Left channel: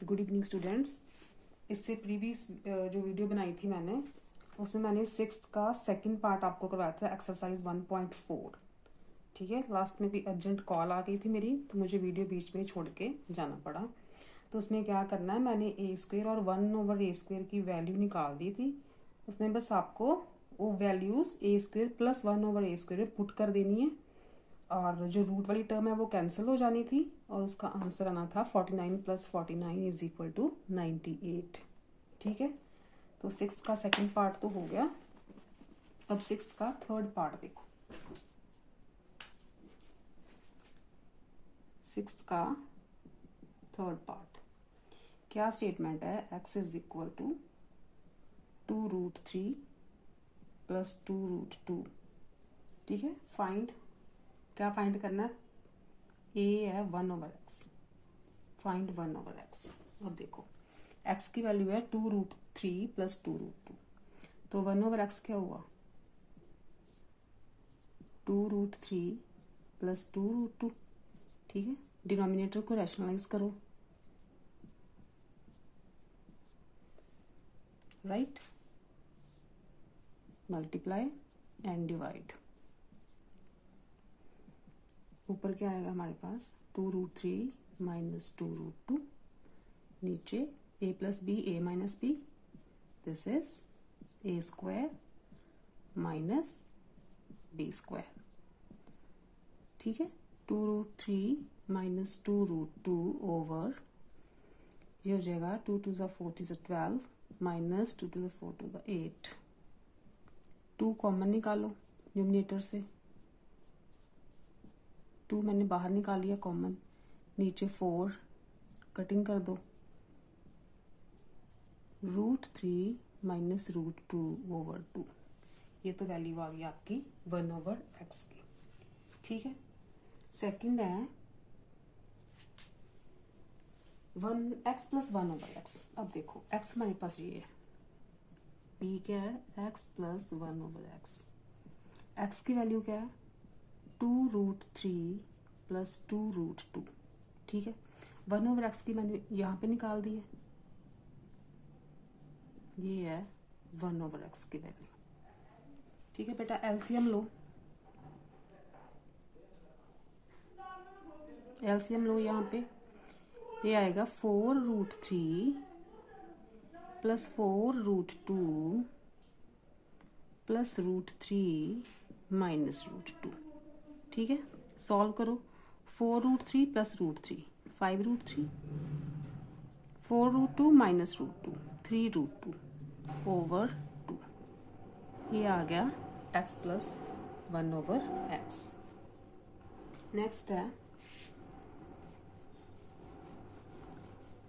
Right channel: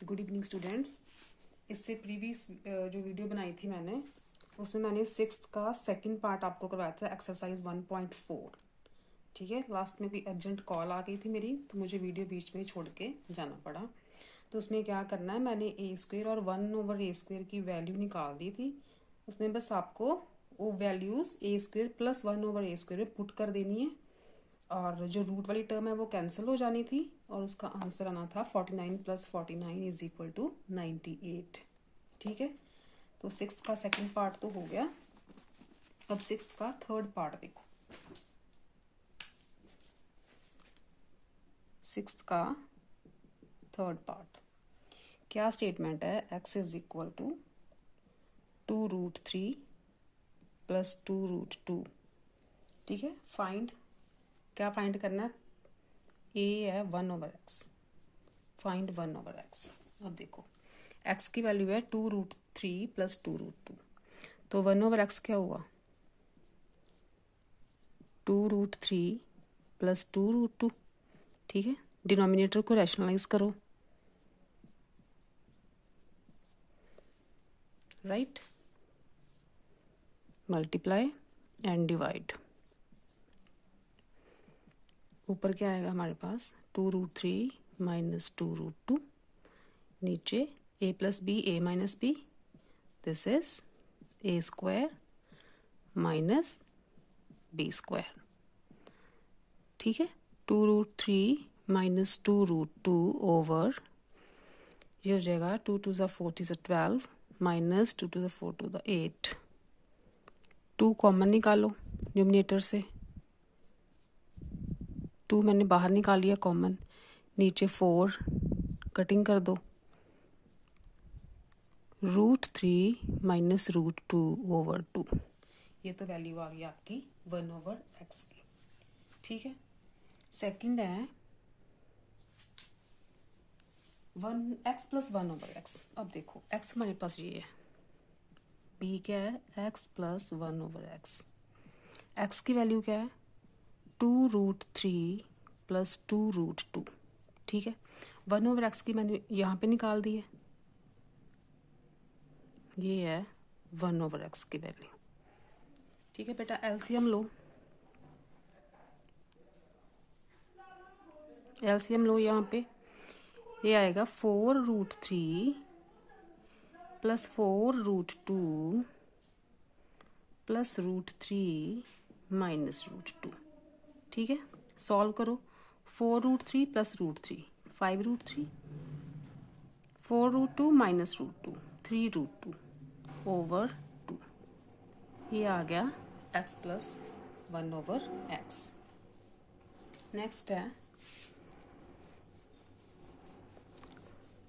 Good evening students. इससे previous जो video बनाई थी मैंने, उसमें मैंने सिक्स्थ का सेकंड पार्ट आपको करवाया था, एक्सरसाइज 1.4। ठीक है, लास्ट में कोई अर्जेंट कॉल आ गई थी मेरी, तो मुझे वीडियो बीच में छोड़ के जाना पड़ा। तो उसमें क्या करना है, मैंने ए स्क्वेयर और 1/a² की वैल्यू निकाल दी थी। उसमें बस आपको वो वैल्यूज़ a² + 1/a² में पुट कर देनी है, और जो रूट वाली टर्म है वो कैंसिल हो जानी थी, और उसका आंसर आना था 49 + 49 = 98। ठीक है, तो सिक्स्थ का सेकंड पार्ट तो हो गया। अब सिक्स्थ का थर्ड पार्ट देखो। सिक्स्थ का थर्ड पार्ट क्या स्टेटमेंट है, x = 2√3 + 2√2। ठीक है, क्या फाइंड करना है, a है 1/x, फाइंड 1/x। अब देखो x की वैल्यू है 2√3 + 2√2, तो 1/x क्या हुआ, 2√3 + 2√2। ठीक है, डिनोमिनेटर को रैशनलाइज करो, राइट, मल्टीप्लाई एंड डिवाइड। ऊपर क्या आएगा हमारे पास, 2√3 - 2√2, नीचे a + b a - b, this is a² - b²। ठीक है, 2√3 - 2√2 ओवर, ये हो जाएगा 2 × 2 = 4 × 12 - 2 × 4 = 8। 2 कॉमन निकालो न्यूमरेटर से, 2 मैंने बाहर निकाल लिया कॉमन, नीचे 4 कटिंग कर दो, √3 - √2 ओवर 2। ये तो वैल्यू आ गई आपकी 1/x की। ठीक है, सेकंड है 1x + 1/x। अब देखो x हमारे पास ये है, b क्या है, x + 1/x। x की वैल्यू क्या है, 2√3 + 2√2। ठीक है, 1/x की मैंने यहाँ पे निकाल दी है, ये है 1/x की वैल्यू। ठीक है बेटा, एलसीएम लो, एलसीएम लो। यहाँ पे ये आएगा 4√3 + 4√2 + √3 - √2। ठीक है, सॉल्व करो। 4√3 + √3 5√3, 4√2 - √2 3√2 ओवर 2। ये आ गया x + 1/x। नेक्स्ट है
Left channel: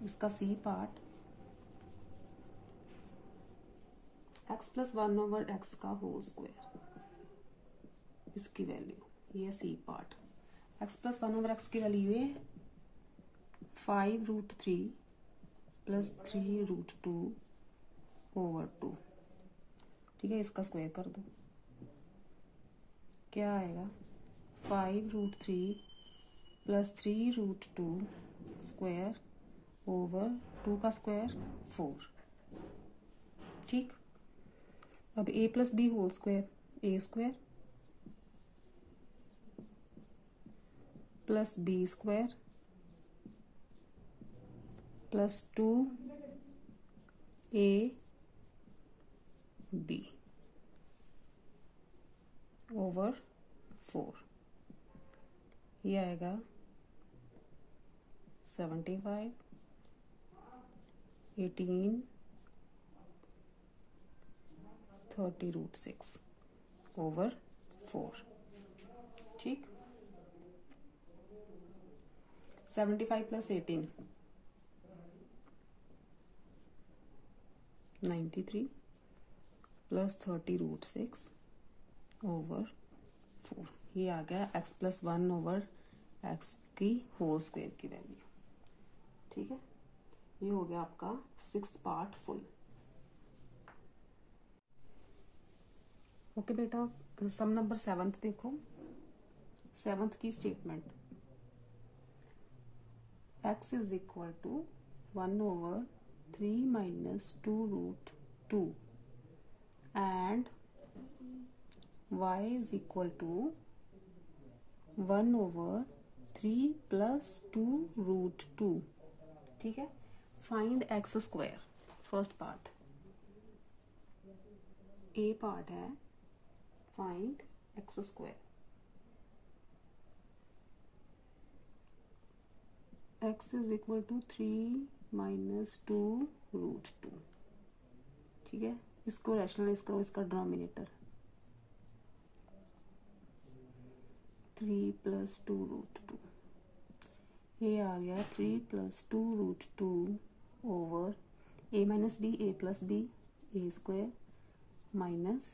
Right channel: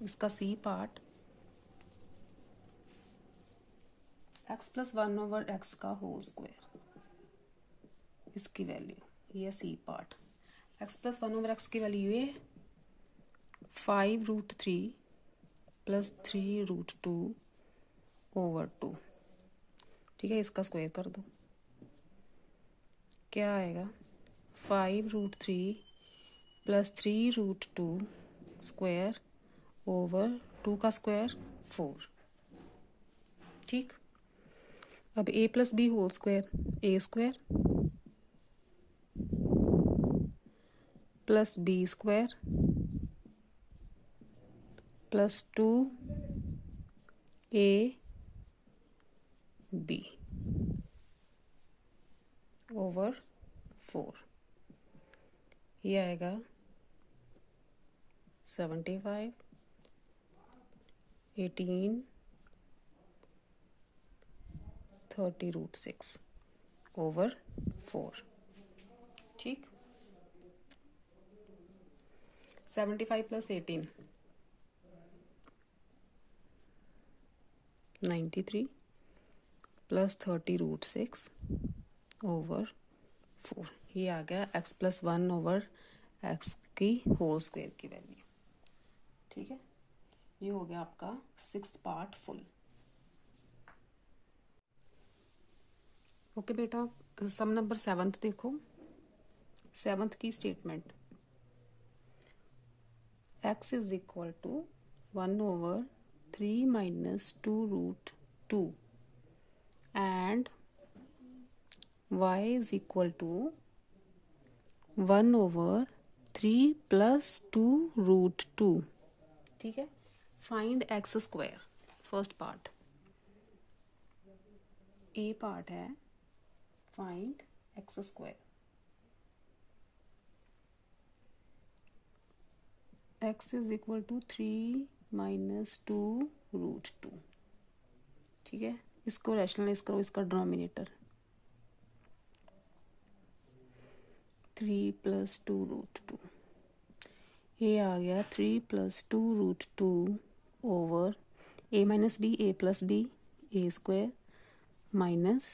इसका सी पार्ट, x + 1/x का होल स्क्वायर, इसकी वैल्यू ये सी पार्ट। x + 1/x की वैल्यू ये 5√3 + 3√2 ओवर 2। ठीक है, इसका स्क्वायर कर दो, क्या आएगा, 5√3 + 3√2 स्क्वायर ओवर 2 का स्क्वायर 4। ठीक, अब a + b whole square, a² + b² + 2ab over 4। ये आएगा 75, 18, 30√6 ओवर 4। ठीक, 75 + 18 93 + 30√6 ओवर 4। ये आ गया x + 1/x की होल स्क्वायर की वैल्यू। ठीक है, ये हो गया आपका सिक्स्थ पार्ट फुल। ओके बेटा, सम नंबर 7 देखो। 7 की statement, x = 1/3 minus 2 root 2 and y is equal to 1/3 plus 2 root 2. ठीक है. Find X square. First part, A part है find X square. X is equal to 3 minus 2 root 2. ठीक है. इसको rationalise करो, इसका डिनोमिनेटर 3 plus 2 root 2. ये आ गया 3 plus 2 root 2 over a minus b, a plus b, a square minus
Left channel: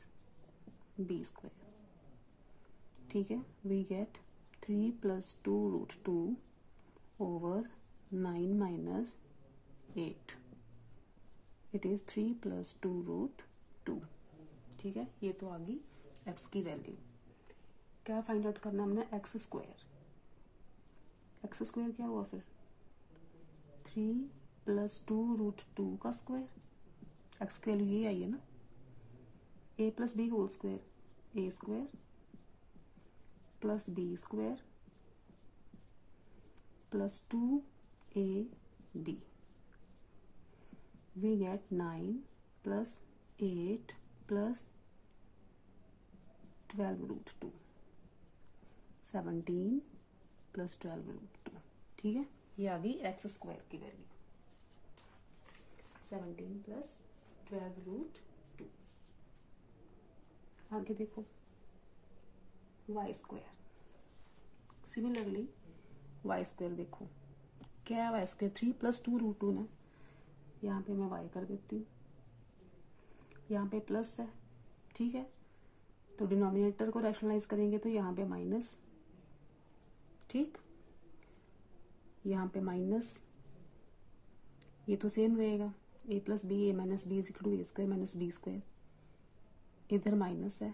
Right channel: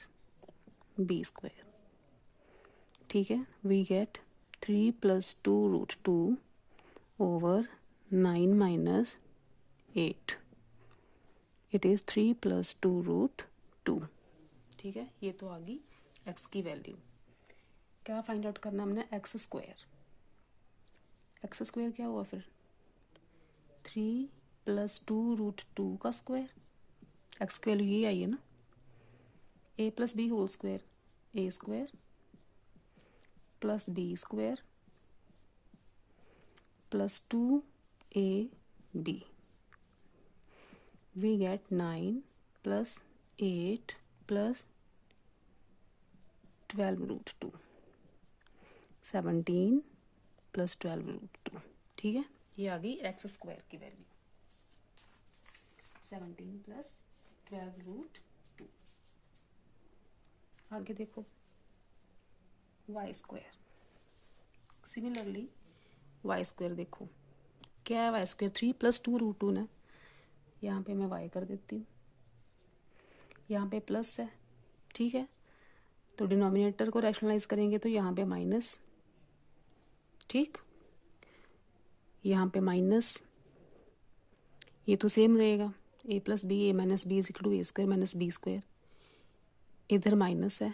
b square. ठीक है. we get 3 plus 2 root 2 over 9 minus 8. It is 3 plus 2 root 2. ठीक है. ये तो आ गई x की वैल्यू. क्या फाइंड आउट करना है हमने? X square. एक्स स्क्वायर क्या हुआ फिर? 3 plus 2 root 2 का स्क्वायर. एक्स की वैल्यू ये आई है ना. a plus b whole square, a square plus b square plus 2ab. we get 9 plus 8 plus 12 root 2. 17 plus 12 root 2. ठीक है. ये आ गई एक्स स्क्वायर की वैल्यू. 17 plus 12 root 2. आगे देखो y square. Similarly y square देखो क्या है. वाई स्क्वायर 3 plus 2 root 2 ना. यहाँ पे मैं वाई कर देती हूँ. यहाँ पे प्लस है. ठीक है. तो डिनोमिनेटर को रैशनलाइज करेंगे तो यहाँ पे माइनस. ठीक. यहाँ पे माइनस. ये तो सेम रहेगा. a plus b, a minus b is equal to a square minus b square. इधर माइनस है.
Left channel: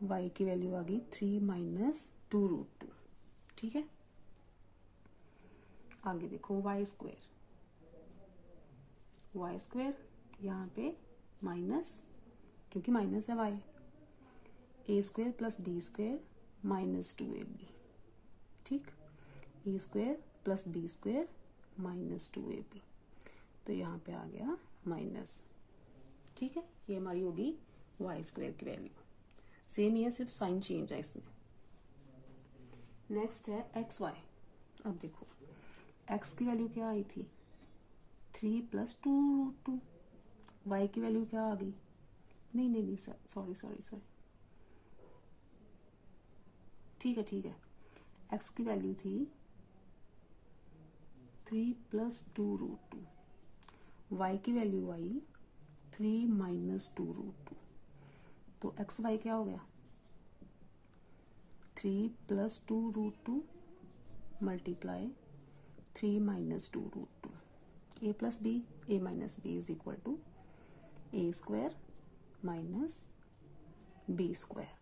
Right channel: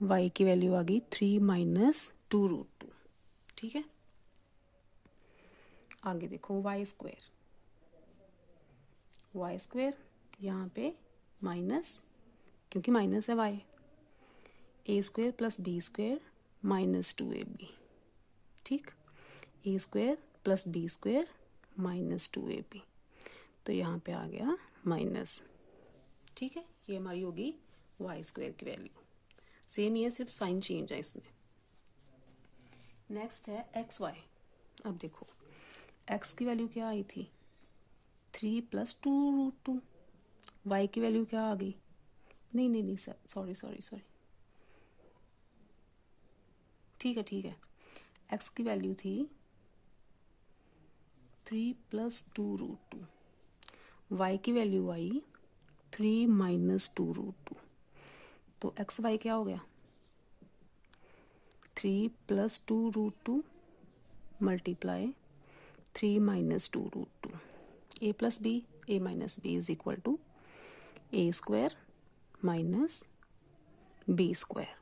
y की वैल्यू आ गई 3 minus 2 root 2. ठीक है. आगे देखो वाई स्क्वायर. वाई स्क्वायर यहाँ पे माइनस, क्योंकि माइनस है Y. A square plus B square minus 2ab. ठीक. A square plus B square minus 2ab. तो यहाँ पे आ गया माइनस. ठीक है. ये हमारी होगी वाई स्क्वायर की वैल्यू. सेम ही है, सिर्फ साइन चेंज है इसमें. नेक्स्ट है एक्स वाई. अब देखो एक्स की वैल्यू क्या आई थी? 3 plus 2 root 2. वाई की वैल्यू क्या आ गई? नहीं सर, सॉरी. ठीक है. एक्स की वैल्यू थी 3 plus 2 root 2. वाई की वैल्यू आई 3 minus 2 root 2. तो एक्स वाई क्या हो गया? 3 plus 2 root 2 multiply 3 minus 2 root 2. a plus b, a minus b is equal to a square minus b square.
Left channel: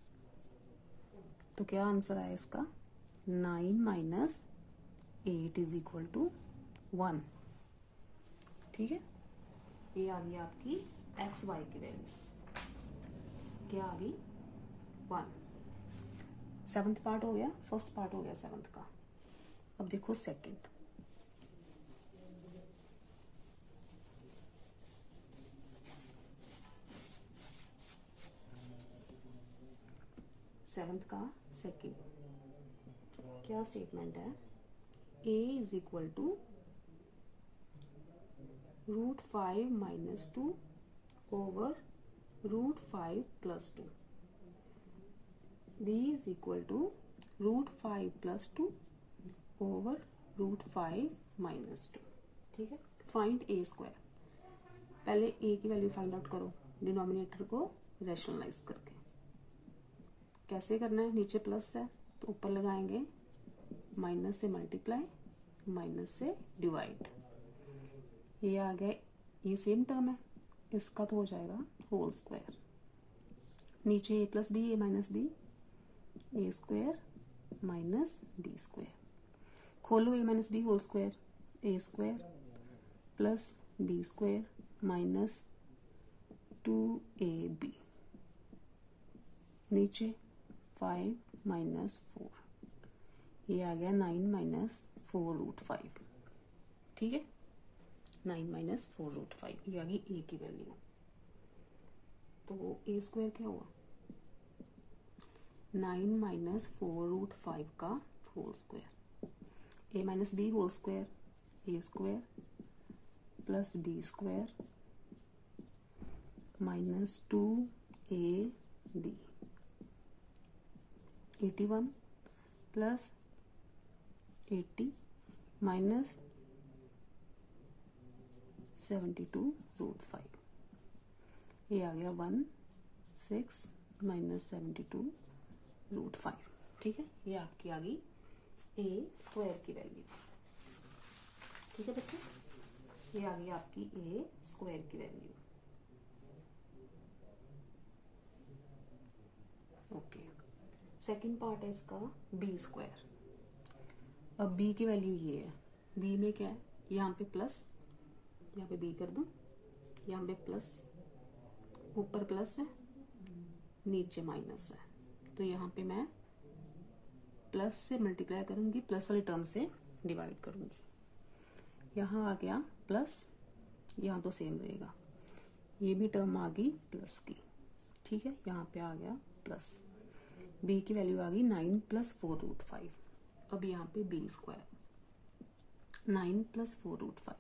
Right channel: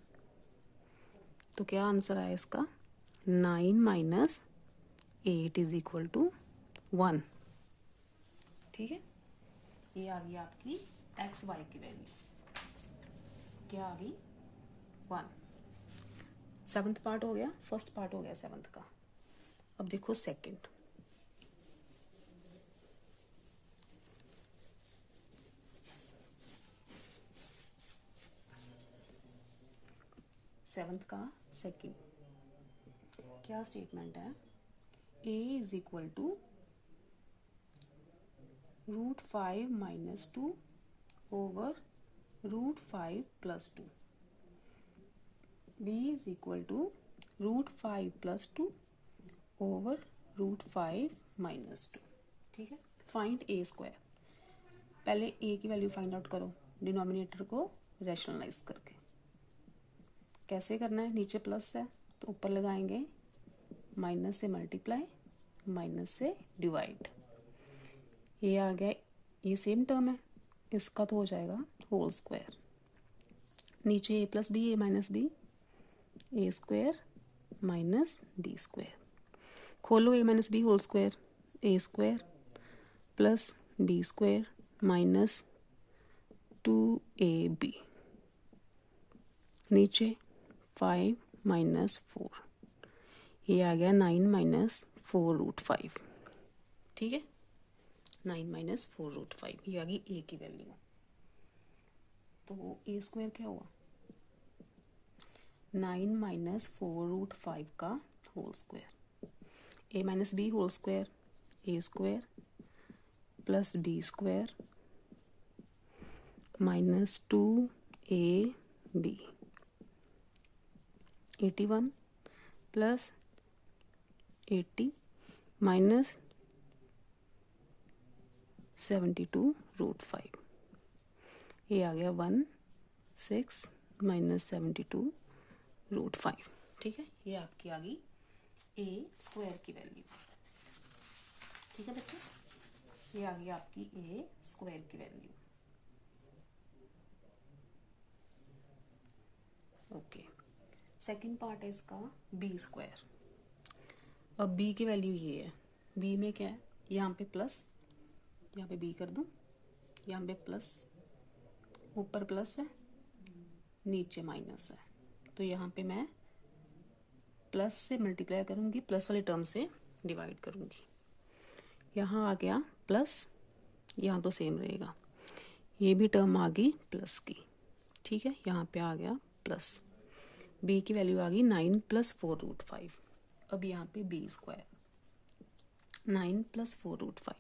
तो क्या आंसर आया इसका? 9 minus 8 is equal to 1. ठीक है. ये आ गई आपकी एक्स वाई की वैल्यू. क्या आ गई? 1. 7th पार्ट हो गया. फर्स्ट पार्ट हो गया 7th का. अब देखो सेकंड. सेवंथ का सेकंड. क्या स्टेटमेंट है? a is equal to √5 minus 2 over √5 plus 2. b is equal to √5 plus 2 over √5 minus 2. ठीक है. Find a square. पहले a की वैल्यू फाइंड आउट करो डिनोमिनेटर को रैशनलाइज करके. कैसे करना है? नीचे प्लस है तो ऊपर लगाएंगे, माइनस से मल्टीप्लाई, माइनस से डिवाइड. ये आ गया. ये सेम टर्म है, इसका तो हो जाएगा होल स्क्वायर. नीचे a plus B, a minus B, A square minus B square. खोलो a minus B whole square. A square plus B square minus 2ab, नीचे 5 माइनस 4, ये आ गया 9 माइनस 4√5। ठीक है, 9 माइनस 4√5, ये आ गई ए की वैल्यू। तो ए स्क्वायर क्या हुआ, 9 माइनस 4√5 का whole square, A minus B whole square, A square plus B square minus 2ab, 81 plus 80 minus 72√5, ये आ गया 16 माइनस 72√5। ठीक है, ये आपकी आ गई ए स्क्वायर की वैल्यू। ठीक है बच्चों, ये आ गई आपकी ए स्क्वायर की वैल्यू। ओके, सेकंड पार्ट है इसका बी स्क्वायर। अब बी की वैल्यू ये है, बी में क्या है, यहाँ पे प्लस, यहाँ पे बी कर दूं, यहाँ पे प्लस, ऊपर प्लस है नीचे माइनस है, तो यहाँ पे मैं प्लस से मल्टीप्लाई करूँगी, प्लस वाली टर्म से डिवाइड करूँगी। यहाँ आ गया प्लस, यहाँ तो सेम रहेगा, ये भी टर्म आ गई प्लस की। ठीक है, यहाँ पे आ गया प्लस, बी की वैल्यू आ गई 9 प्लस 4√5। अब यहाँ पे बी स्क्वायर 9 प्लस 4√5,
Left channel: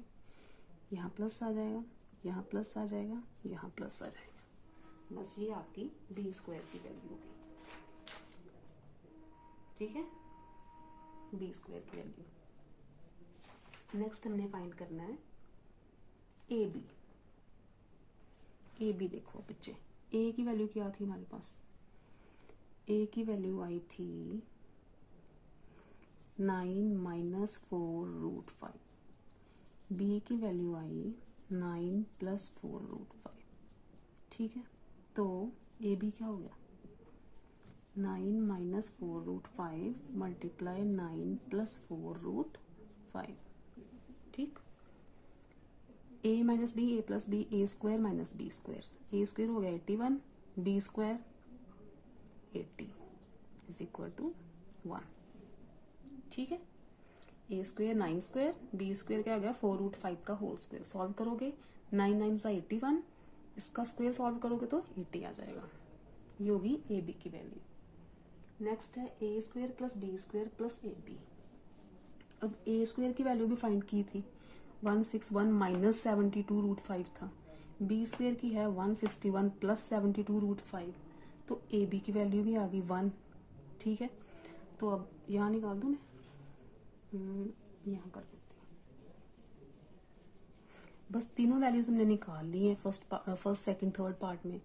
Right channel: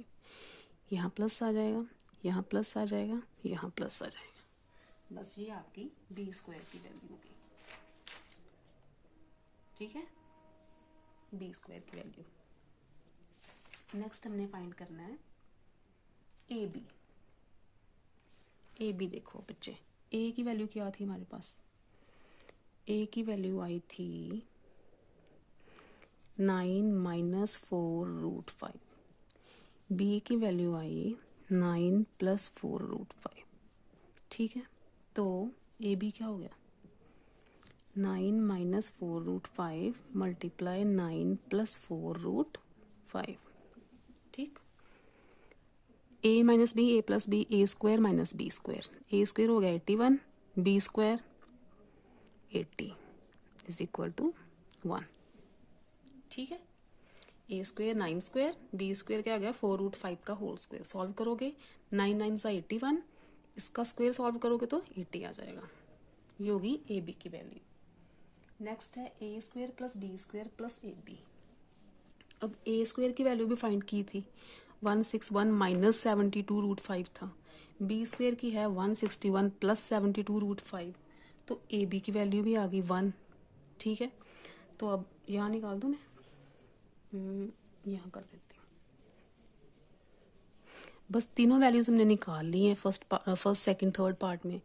यहाँ प्लस आ जाएगा, यहाँ प्लस आ जाएगा, यहाँ प्लस आ जाएगा, बस ये आपकी बी स्क्वायर की वैल्यू होगी। ठीक है, बी स्क्वायर की वैल्यू। नेक्स्ट हमने फाइंड करना है ए बी। ए बी देखो बच्चे, ए की वैल्यू क्या थी हमारे पास, ए की वैल्यू आई थी 9 माइनस 4√5, बी की वैल्यू आई 9 प्लस 4√5। ठीक है, तो ए बी क्या हो गया, 9 माइनस 4√5 मल्टीप्लाई 9 प्लस 4√5। ठीक, a minus B, A plus B, A square minus B square, A square हो गया 81, b square 80 is equal to 1। ठीक है, ए स्क्वायर 9 स्क्वायर, बी स्क्वायर क्या आ गया 4√5 का होल स्क्वायर, सॉल्व करोगे 9 9 सा 81, इसका स्क्वायर सॉल्व करोगे तो 80 आ जाएगा, ये होगी ए बी की वैल्यू। नेक्स्ट है ए square plus B square plus A B. अब ए स्क्वायर की वैल्यू भी फाइंड की थी, 161 माइनस 72√5 था, बी स्क्वायर की है 161 प्लस 72√5, तो ए बी की वैल्यू भी आ गई 1। ठीक है, तो अब यहाँ निकाल दूँ मैं, यहाँ कर देती हूँ। बस तीनों वैल्यूज हमने निकाल ली हैं फर्स्ट सेकंड थर्ड पार्ट में,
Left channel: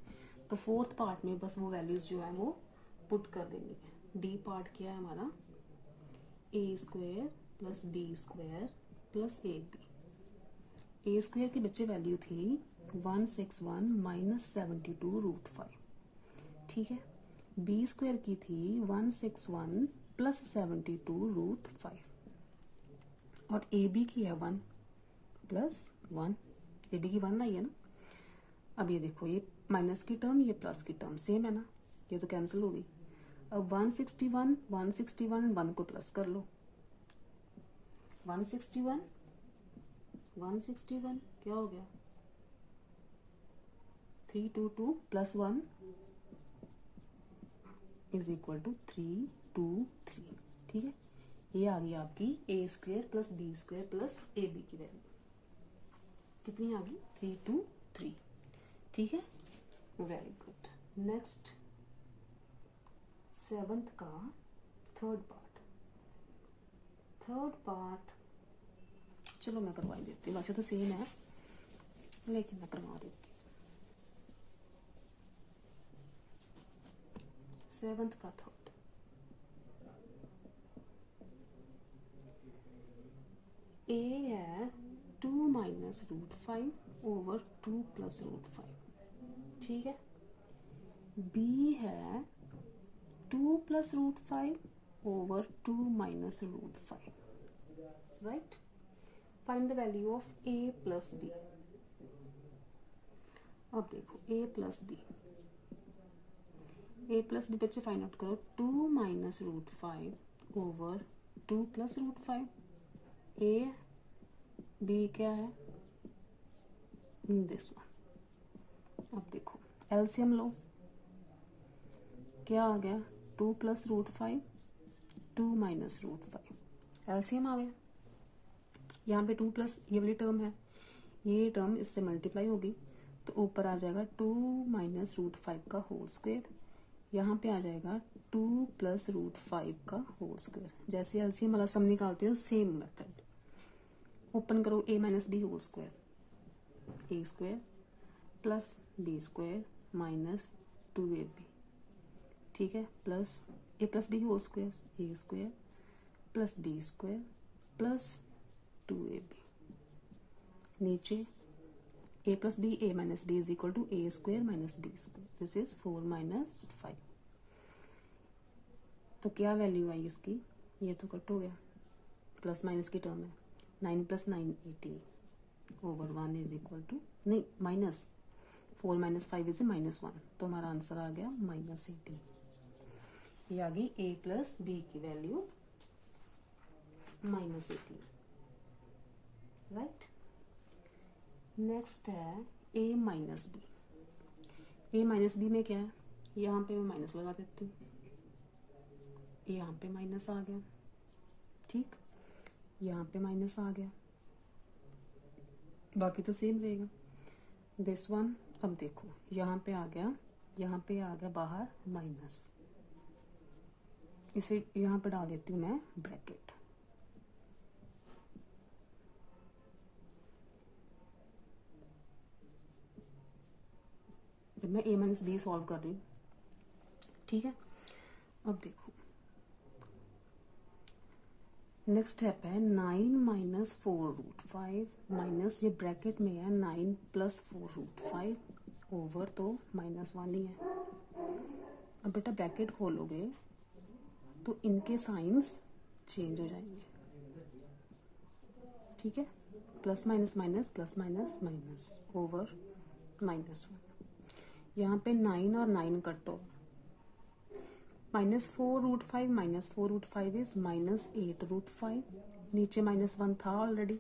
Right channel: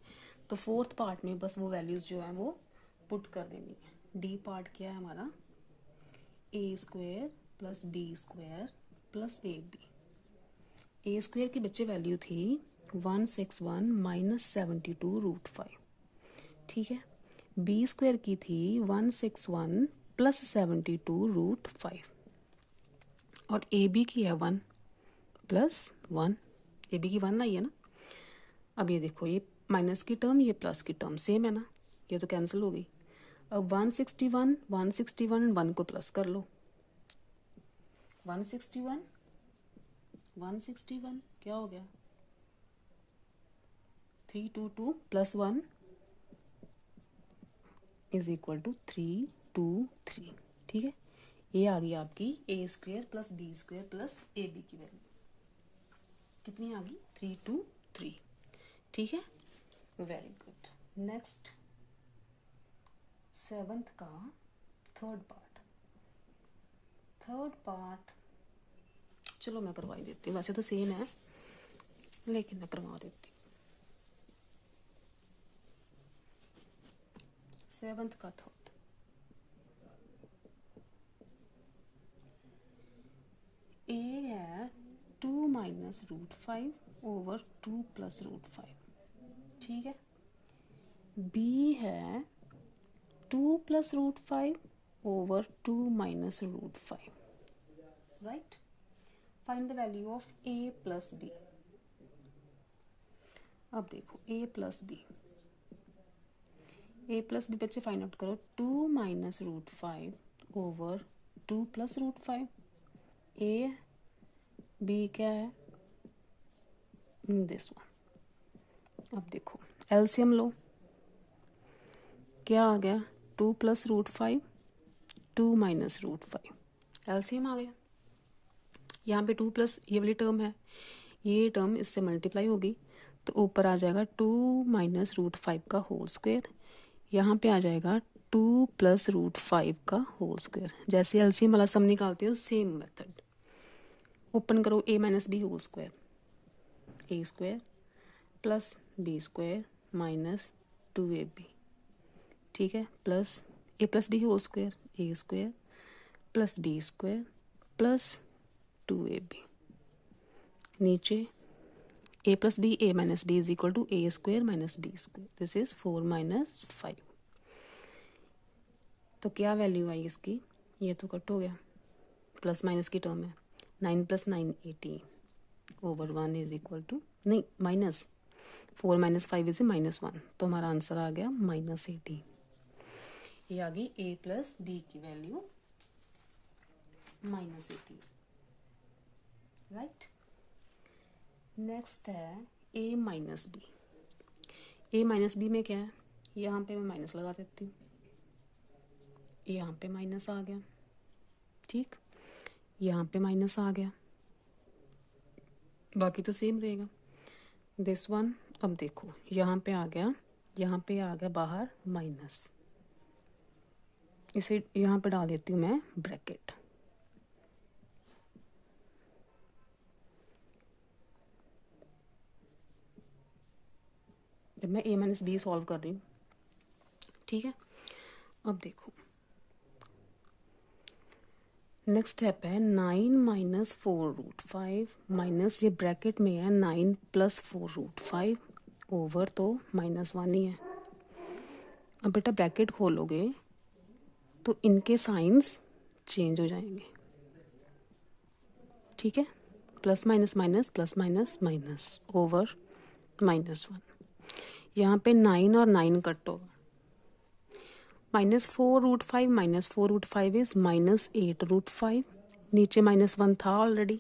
तो फोर्थ पार्ट में बस वो वैल्यूज जो है वो पुट कर देनी है। डी पार्ट क्या है हमारा, A square plus B square plus A B. A square की बच्चे वैल्यू थी 161 माइनस 72√5। ठीक है, बी स्क्वायर की थी 161 प्लस 72√5 और ए बी की है 1 प्लस 1, ए बी की 1 आई है ना। अब ये देखो, ये माइनस की टर्म, ये प्लस की टर्म सेम है ना, ये तो कैंसिल हो गई। अब 161 1 को प्लस कर लो, 161 क्या हो गया 322 प्लस 1 इज इक्वल टू 323। ठीक है, ये आ गई आपकी A square plus B square plus A B की वैल्यू कितनी आ गई 323। ठीक है, वेरी गुड। नेक्स्ट सेवंथ का थर्ड पार्ट चलो मैं करवा देती हूँ, वैसे तो सेम है लेकिन मैं करवा देती हूँ। सेवंथ का थर्ड, ए है 2 माइनस √5 ओवर 2 प्लस √5। ठीक है, बी है 2 plus √5 over 2 minus √5, right. Find the value of a plus b. अब देखो a प्लस बी बच्चे फाइंड आउट करो। 2 minus root 5 over 2 plus root 5। a b क्या है, दिस वन। अब देखो एलसीएम लो, क्या आ गया, 2 plus root 5, 2 minus root 5, LCM आ गया। यहाँ पे 2 प्लस ये वाली टर्म है, ये टर्म इससे मल्टीप्लाई होगी तो ऊपर आ जाएगा 2 माइनस रूट 5 का होल स्क्वायर। यहाँ पे आ जाएगा 2 प्लस रूट 5 का होल स्क्वायर। जैसे एलसीएम वाला सम निकालते हैं सेम मेथड। ओपन करो a minus B whole square, A square plus B square minus 2ab, ठीक है, plus a plus B whole square, A square plus B square plus 2ab। नीचे a plus b, a minus b is equal to a square minus B square, this is 4 minus 5। तो क्या value आई इसकी, ये तो cut हो गया, plus minus की term है, 9 प्लस 9 18 ओवर 1 इज इक्वल टू, नहीं माइनस 4 माइनस 5 इज -1, तो हमारा आंसर आ गया -18। ये आ गई a प्लस बी की वैल्यू -18, राइट। नेक्स्ट है a minus b. a minus b में क्या है, यहाँ पे मैं माइनस लगा देती हूँ, यहाँ पे माइनस आ गया, ठीक, यहाँ पे माइनस आ गया, बाकी तो सेम रहेगा दिस वन। अब देखो यहाँ पे आ गया, यहाँ पे आ गया बाहर माइनस, इसे यहाँ पे डाल देती हूँ मैं ब्रैकेट। जब मैं a माइनस बी सॉल्व कर रही हूँ, ठीक है। अब देखो नेक्स्ट स्टेप है 9 माइनस 4 रूट 5 माइनस, ये ब्रैकेट में है 9 प्लस 4 रूट 5 ओवर, तो -1 ही है। अब बेटा ब्रैकेट खोलोगे तो इनके साइंस चेंज हो जाएंगे, ठीक है, plus minus minus plus minus minus over -1। यहाँ पे 9 और 9 कट हो, -4 root 5 minus 4 root 5 is -8 root 5, नीचे -1 था ऑलरेडी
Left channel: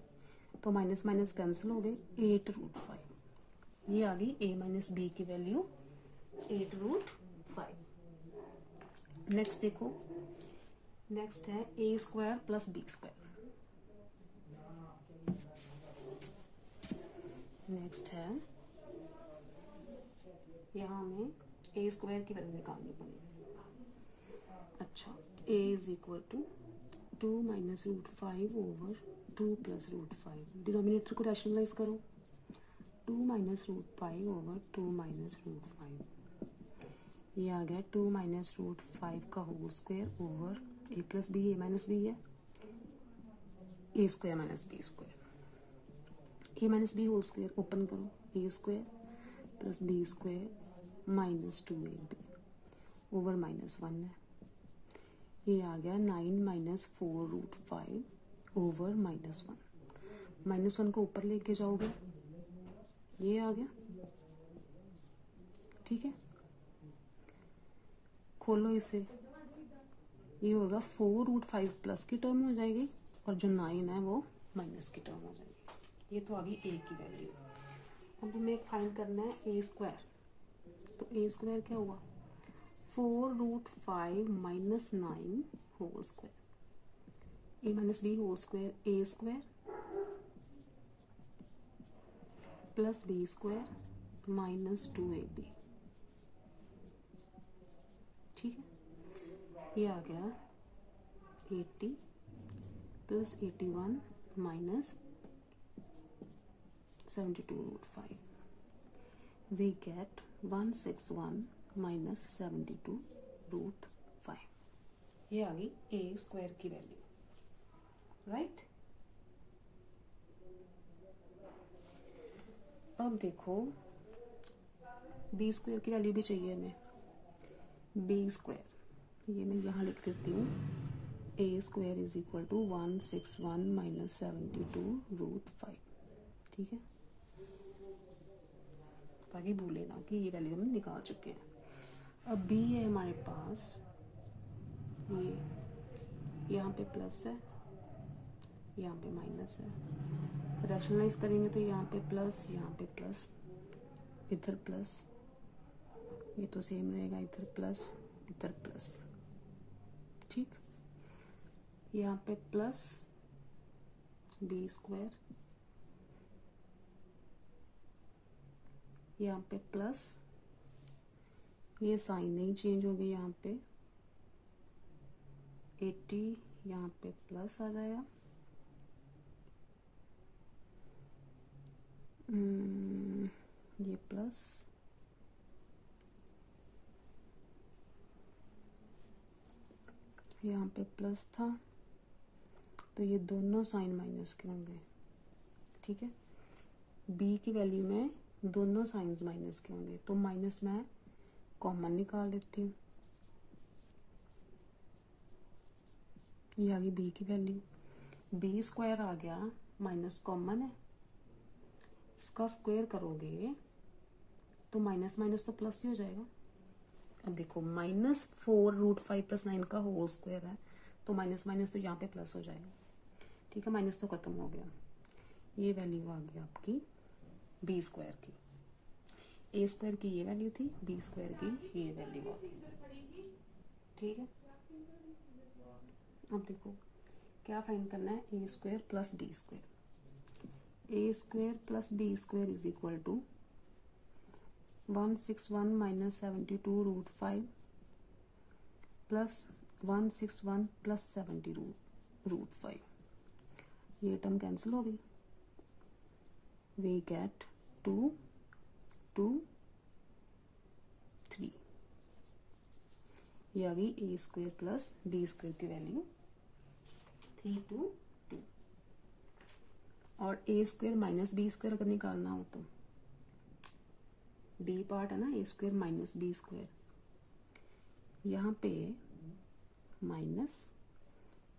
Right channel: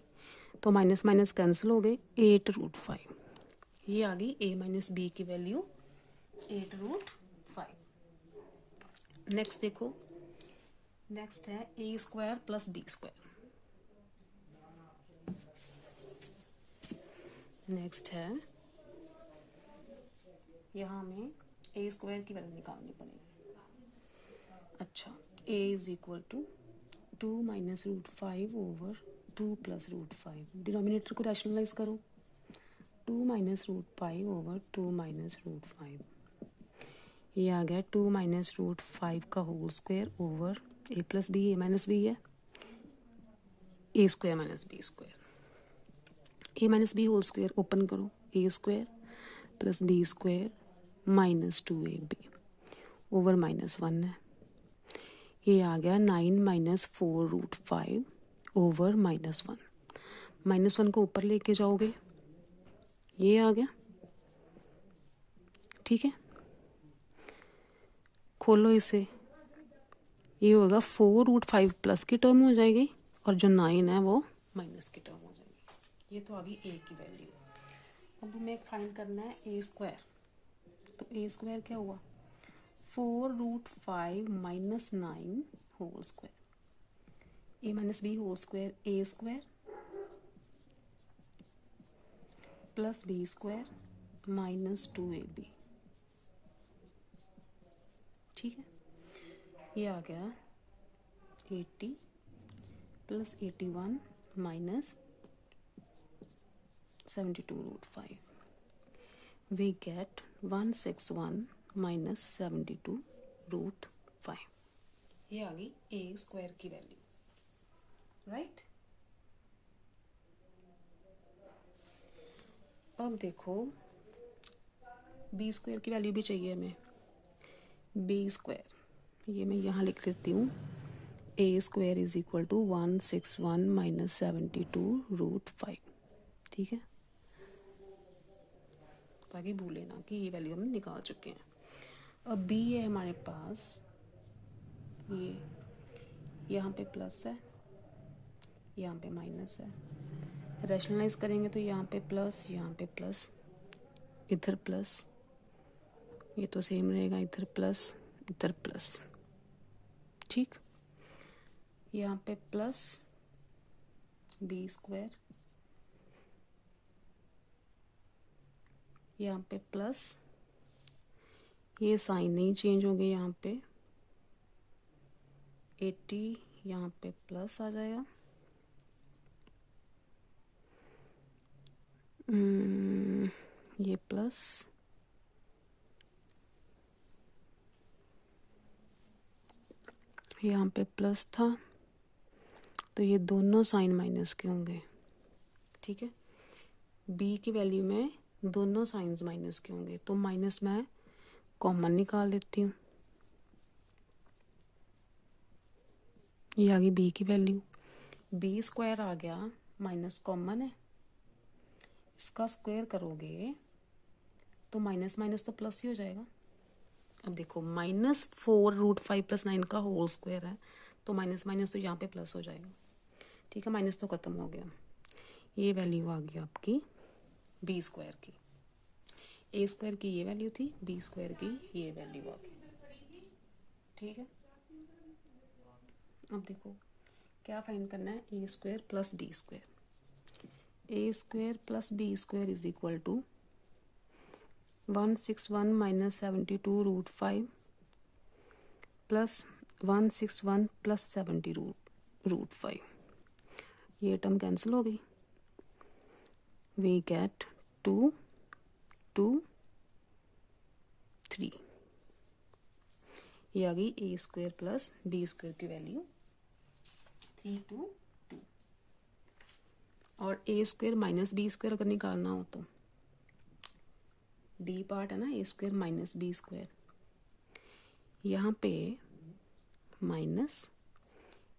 तो माइनस माइनस कैंसिल हो गए, 8 रूट 5। ये आ गई a माइनस बी की वैल्यू 8 रूट 5। नेक्स्ट देखो, नेक्स्ट है a square plus B square. Next है यहाँ हमें a स्क्वायर की वैल्यू निकालनी पड़ेगी। अच्छा, a is equal to 2 minus root 5 over 2 plus root 5, denominator को रैशनलाइज करो, 2 minus root 5 over 2 minus root 5, ये आ गया 2 माइनस रूट 5 का whole square over a plus b, a minus b है, a square minus B square, a minus B whole square open करो, a square plus B square minus 2ab over -1 है। ये आ गया 9 माइनस 4 रूट 5 ओवर -1, -1 को ऊपर लेके जाओगे, ये आ गया, ठीक है, खोलो इसे, ये होगा 4 रूट 5 प्लस की टर्म हो जाएगी और जो 9 है वो माइनस की टर्म हो जाएगी। ये तो आ गई a की वैल्यू। अब हमें फाइंड करना है a स्क्वायर, तो a स्क्वायर क्या हुआ, 4 root 5 minus 9 whole square, a minus B whole square, a square plus B square minus 2ab, ठीक है। ये आ गया 80 plus 81 minus 72 root 5, we get 161 minus 72 root 5। ये आ गई a स्क्वायर की वैल्यू, राइट। अब देखो b स्क्वायर की वैल्यू भी चाहिए हमें, b स्क्वायर, ये मैं यहाँ लिख देती हूँ A square is equal to 161 minus 72√5। ठीक है, ताकि भूले ना कि ये वैल्यू हम निकाल चुके हैं। अब बी है हमारे पास, ये यहाँ पे प्लस है, यहाँ पे माइनस है। रैशनलाइज करेंगे तो यहाँ पे प्लस, यहाँ पे प्लस, इधर प्लस, ये तो सेम रहेगा, इधर प्लस, इधर प्लस। ठीक, यहाँ पे प्लस बी स्क्वायर, यहाँ पे प्लस, ये साइन नहीं चेंज हो गया, यहाँ पे 80, यहाँ पे प्लस आ जाएगा। ये प्लस, यहाँ पे प्लस था, तो ये दोनों साइन माइनस के होंगे। ठीक है, बी की वैल्यू में दोनों साइंस माइनस के होंगे, तो माइनस मैं कॉमन निकाल देती हूँ। ये आ गई बी की वैल्यू, बी स्क्वायर आ गया, माइनस कॉमन है, इसका स्क्वायर करोगे तो माइनस माइनस तो प्लस ही हो जाएगा। अब देखो -4√5 + 9 का होल स्क्वायर है, तो माइनस माइनस तो यहाँ पे प्लस हो जाएगा। ठीक है, माइनस तो ख़त्म हो गया। ये वैल्यू आ गई आपकी बी स्क्वायर की, ए स्क्वायर की ये वैल्यू थी, बी स्क्वायर की ये वैल्यू आ गई। ठीक है, अब देखो क्या फाइंड करना है, ए square plus B square. A square plus B square is equal to 161 minus 72√5 plus 161 plus 70√5। ये टर्म कैंसिल हो गई, वी गेट 2, 2, 3। ये आ गई ए स्क्वायर प्लस बी स्क्वायर की वैल्यू 3, 2, 2। और ए स्क्वायर माइनस बी स्क्वायर अगर निकालना हो तो डी पार्ट है ना, ए स्क्वायर माइनस बी स्क्वायर, यहाँ पे माइनस,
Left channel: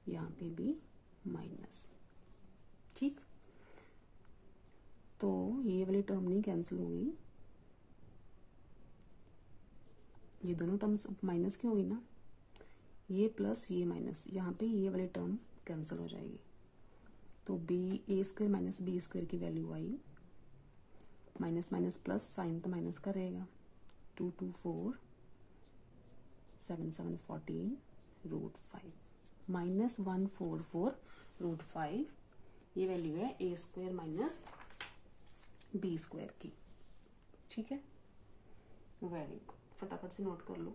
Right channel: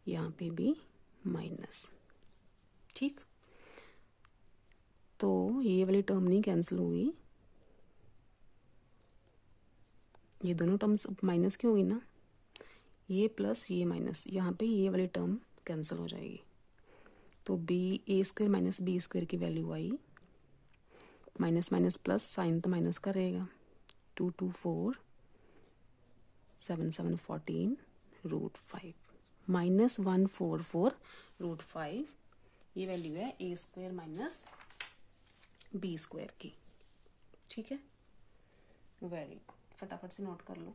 यहाँ पे भी माइनस। ठीक, तो ये वाली टर्म नहीं कैंसिल होगी, ये दोनों टर्म्स माइनस की होगी ना, ये प्लस ये माइनस, यहाँ पे ये वाली टर्म कैंसिल हो जाएगी। तो बी ए स्क्वायर माइनस बी स्क्वायर की वैल्यू आई, माइनस माइनस प्लस, साइन तो माइनस का रहेगा, 2, 2, 4, 7, 7, 14√5 माइनस 144√5। ये वैल्यू है ए स्क्वायर माइनस बी स्क्वायर की। ठीक है, वेरी गुड, फटाफट से नोट कर लो।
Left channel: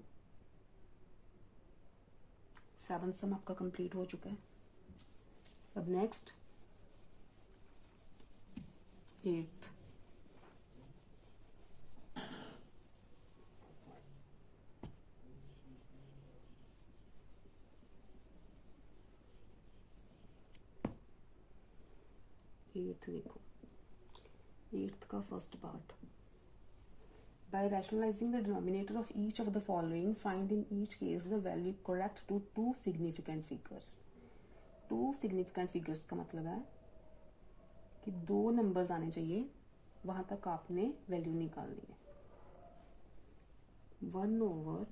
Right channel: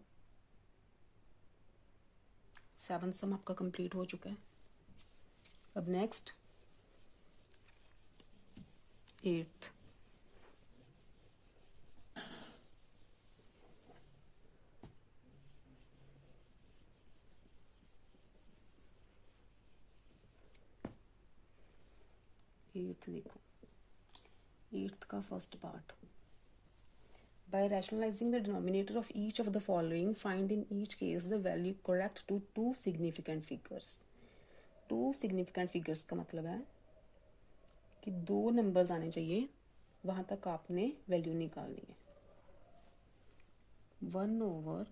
7 सम आपका कंप्लीट हो चुका है। अब नेक्स्ट 8th। देखो 8th का first part, by rationalizing the denominator of each of the following, find in each case the value correct to two significant figures। two significant figures का मतलब है कि 2 नंबर्स आने चाहिए, वहां तक आपने वैल्यू निकालनी है। 1/2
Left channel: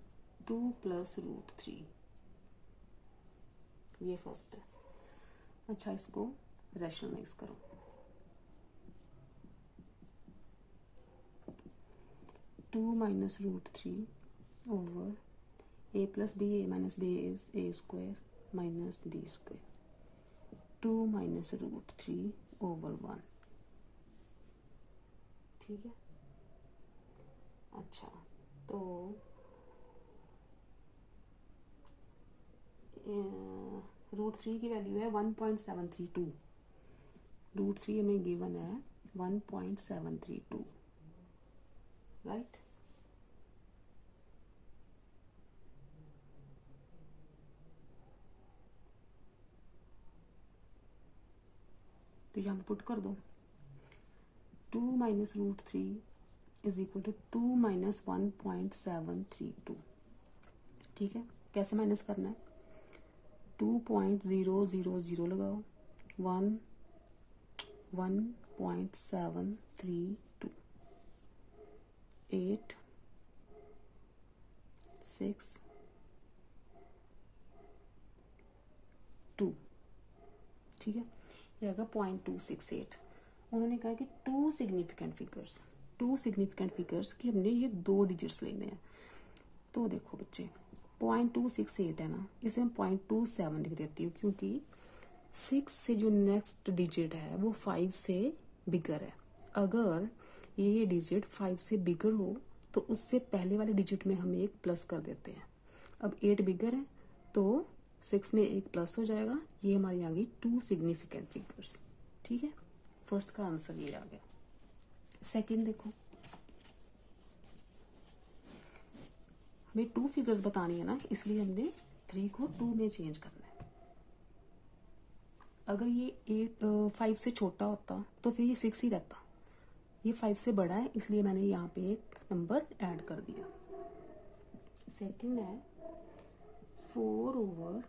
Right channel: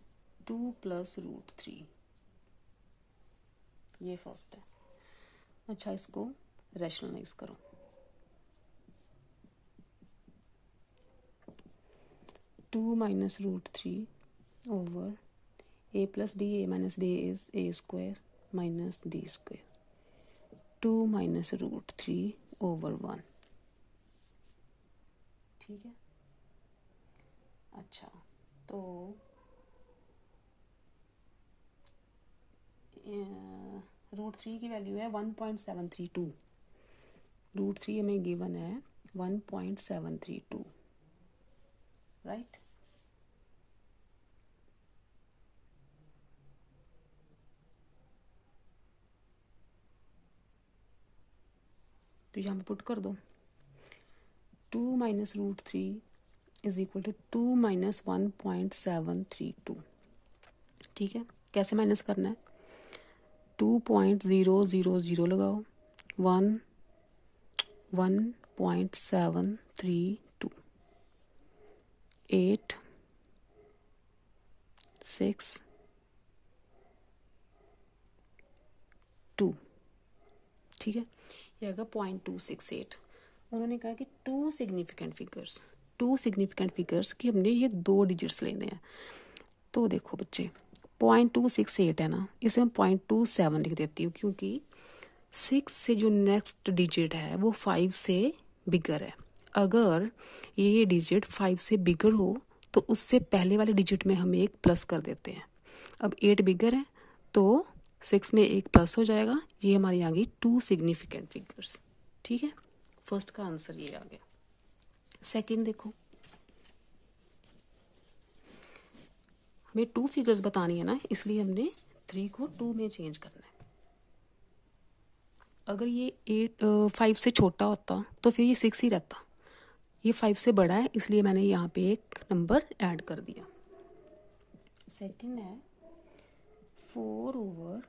+ √3, ये फर्स्ट है। अच्छा, इसको रैशनलाइज करो, two minus √3 over a + b, a - b is a square minus b square, 2 minus √3 over 1। ठीक है, अच्छा तो √3 की वैल्यू है 1.732, √3 हमें गिवन है 1.732, राइट। तो यहाँ पे पुट कर दो, 2 minus √3 is equal to 2 minus 1.732। ठीक है, कैसे माइनस करना है, 2.000 लगाओ, 1.732, 8, 6, 2, ठीक है, ये आएगा 0.268। उन्होंने कहा कि टू सिग्निफिकेंट फिगर्स की हमने ये 2 डिजिट्स लेने हैं। तो देखो बच्चे 0.268 है ना, इसे मैं 0.27 लिख देती हूँ, क्योंकि 6 से जो नेक्स्ट डिजिट है वो 5 से बिगर है। अगर ये डिजिट 5 से बिगर हो तो उससे पहले वाले डिजिट में हम एक प्लस कर देते हैं। अब 8 बिगर है तो 6 में एक प्लस हो जाएगा। ये हमारी आ गई टू सिग्निफिकेंट फिगर्स, ठीक है। फर्स्ट का आंसर ये आ गया। सेकंड देखो, हमें 2 फिगर्स बतानी है ना, इसलिए हमने 3 को 2 में चेंज करना है। अगर ये 5 से छोटा होता तो फिर ये 6 ही रहता। ये 5 से बड़ा है, इसलिए मैंने यहाँ पे एक नंबर ऐड कर दिया। सेकंड है 4/3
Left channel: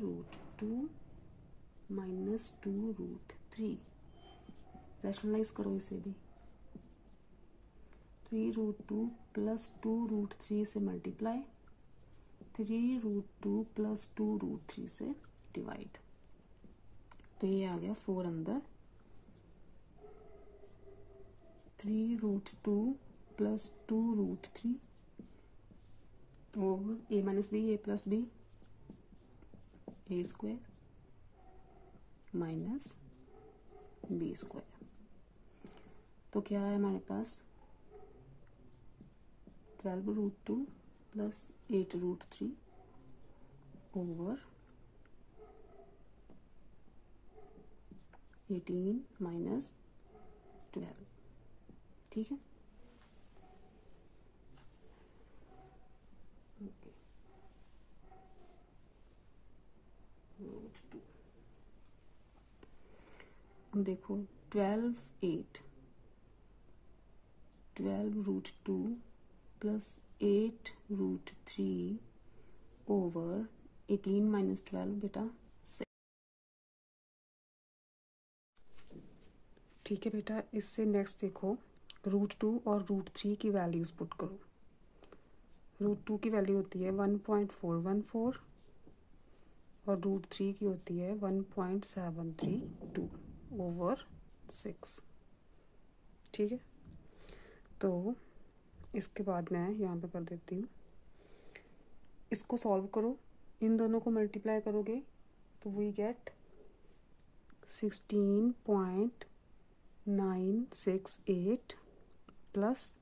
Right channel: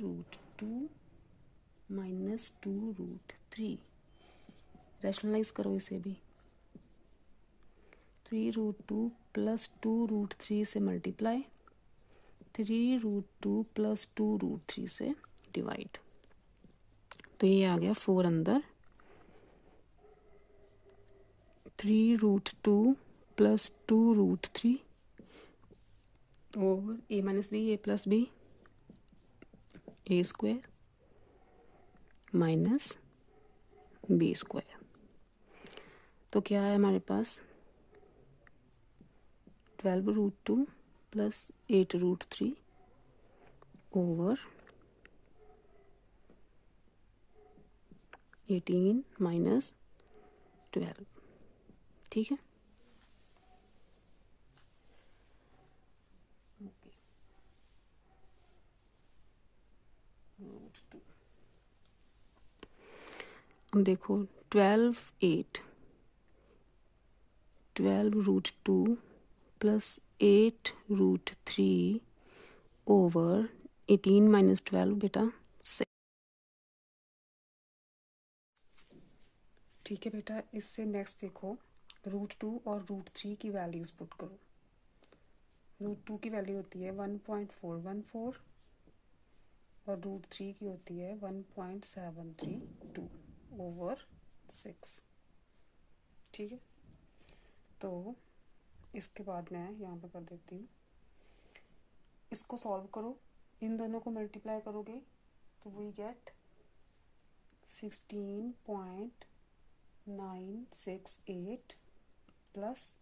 रूट 2 माइनस 2 रूट 3। रैशनलाइज करो इसे भी। 3 रूट 2 प्लस 2 रूट 3 से मल्टीप्लाई, 3 रूट 2 प्लस 2 रूट 3 से डिवाइड। तो ये आ गया 4 अंदर, 3 root 2 plus 2 root 3 over a minus B, A plus B, A square minus B square. तो क्या है हमारे पास 12 root 2 plus 8 root 3 over 18 minus 12, ठीक है। अब देखो 12 root 2 plus 8 root 3 over 18 minus 12 बेटा 6, ठीक है बेटा। इससे नेक्स्ट देखो रूट 2 और रूट 3 की वैल्यूज पुट करो। रूट 2 की वैल्यू होती है 1.414 और रूट 3 की होती है 1.732 ओवर 6, ठीक है। तो इसके बाद मैं यहाँ पे कर देती हूँ, इसको सॉल्व करो, इन दोनों को मल्टीप्लाई करोगे तो वी गेट 16.968 प्लस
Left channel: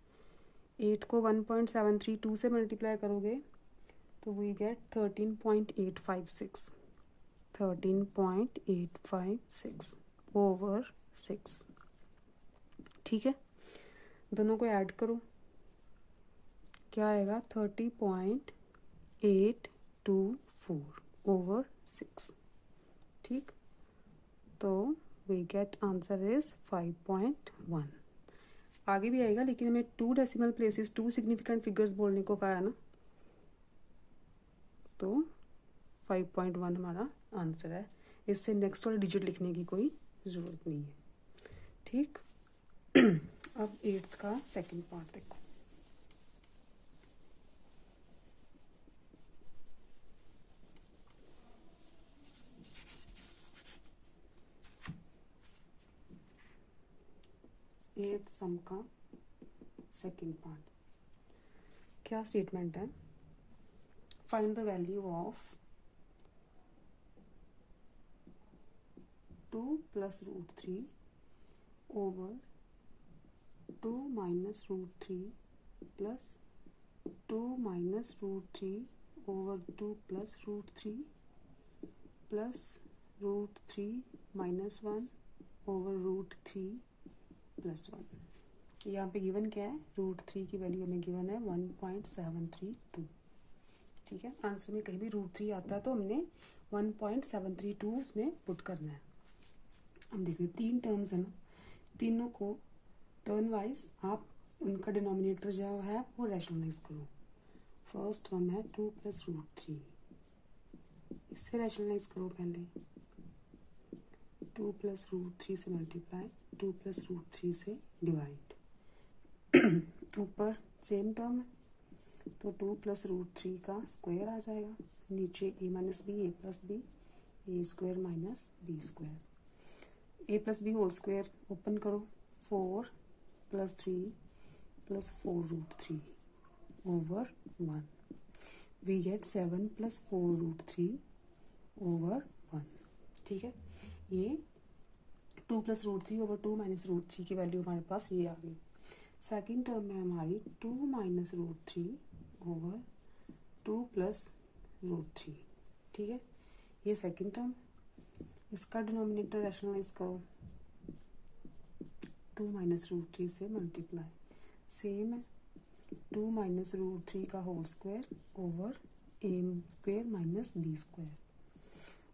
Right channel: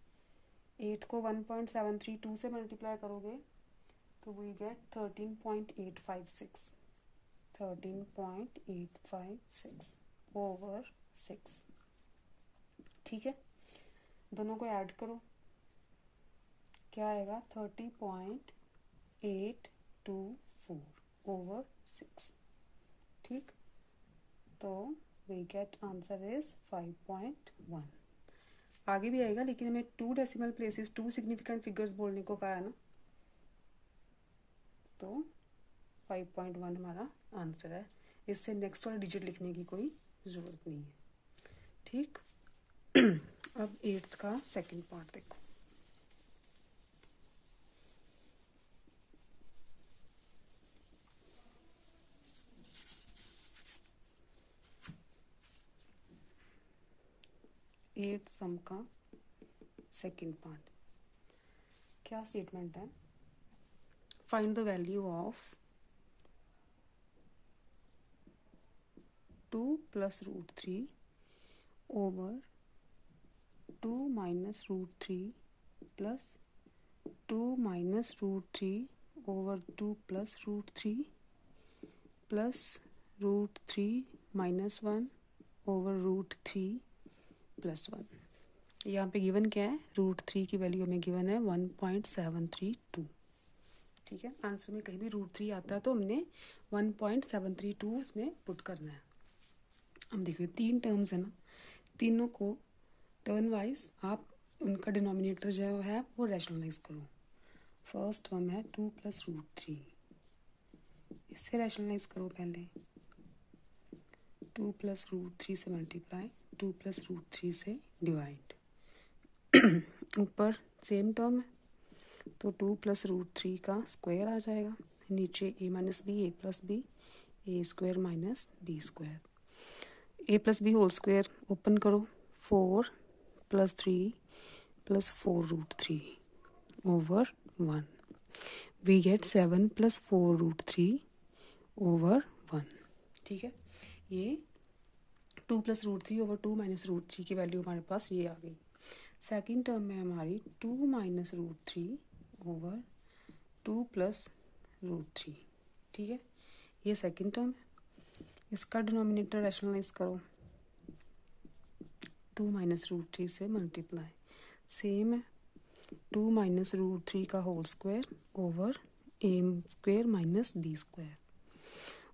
8 को 1.732 से मल्टीप्लाई करोगे तो वी गेट 13.856 ओवर 6, ठीक है। दोनों को ऐड करो, क्या आएगा 30.824 ओवर 6, ठीक। तो वी गेट आंसर इज 5.1। आगे भी आएगा, लेकिन हमें 2 डेसिमल प्लेसेस 2 सिग्निफिकेंट फिगर्स बोलने को कहा है ना, तो 5.1 हमारा आंसर है। इससे नेक्स्ट वाला डिजिट लिखने की कोई ज़रूरत नहीं है, ठीक। अब 8th का सेकंड पार्ट देखो। एट सम का सेकंड पार्ट, क्या स्टेटमेंट है, find the value of 2 plus root 3 over 2 minus root 3 plus 2 minus root 3 over 2 plus root 3 plus root 3 minus 1 over root 3 plus 1। यहाँ पे गिवन क्या है, रूट 3 की वैल्यू हमें गिवन है 1.732, ठीक है। आंसर में कहीं भी रूट 3 आता है तो हमने 1.732 उसमें पुट करना है। अब देखिए 3 टर्म्स है ना, तीनों को टर्न वाइज आप उनका डिनोमिनेटर जो है वो रैशनलाइज करो। फर्स्ट टर्म है 2 + √3, इससे रैशनलाइज करो पहले। 2 + √3 से मल्टीप्लाई, 2 + √3 से डिवाइड। ऊपर सेम टर्म है तो 2 + √3 का स्क्वायर आ जाएगा, नीचे a - b, a + b, a² - b²। a + b whole square open करो, 4 + 3 + 4√3 over 1। We get 7 + 4√3 over 1। ठीक है, ये 2 + √3 over 2 - √3 की वैल्यू हमारे पास ये आ गई। सेकेंड टर्म में हमारी 2 - √3 over 2 + √3। ठीक है, ये सेकेंड टर्म है। इसका डिनोमिनेटर रैशनलाइज करो, 2 - √3 से मल्टीप्लाई, सेम है 2 - √3 का whole square over a² - b²।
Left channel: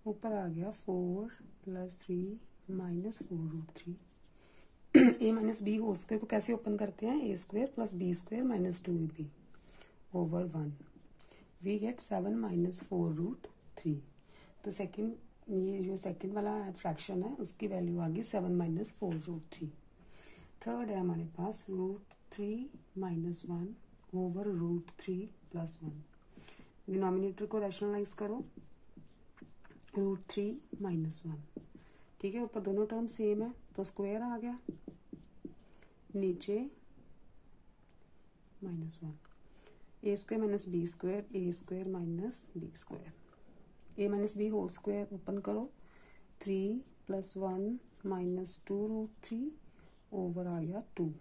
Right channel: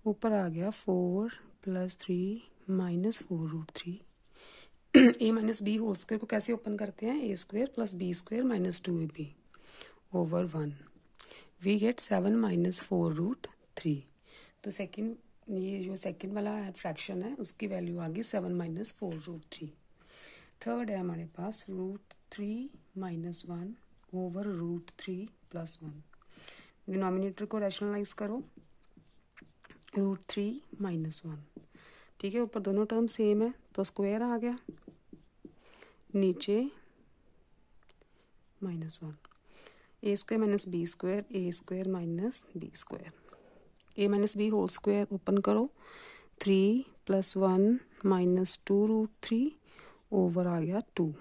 ऊपर आ गया 4 + 3 - 4√3। a - b होल स्क्वायर को कैसे ओपन करते हैं, a² + b² - 2ab over 1। We get 7 - 4√3। तो सेकंड, ये जो सेकंड वाला फ्रैक्शन है उसकी वैल्यू आ गई 7 - 4√3। थर्ड है हमारे पास √3 - 1 over √3 + 1। डिनोमिनेटर को रैशनलाइज करो, √3 - 1। ठीक है, ऊपर दोनों टर्म सेम है तो स्क्वायर आ गया, नीचे -1, a² - b², a - b²। a - b whole square open करो, 3 + 1 - 2√3 ओवर आ गया 2।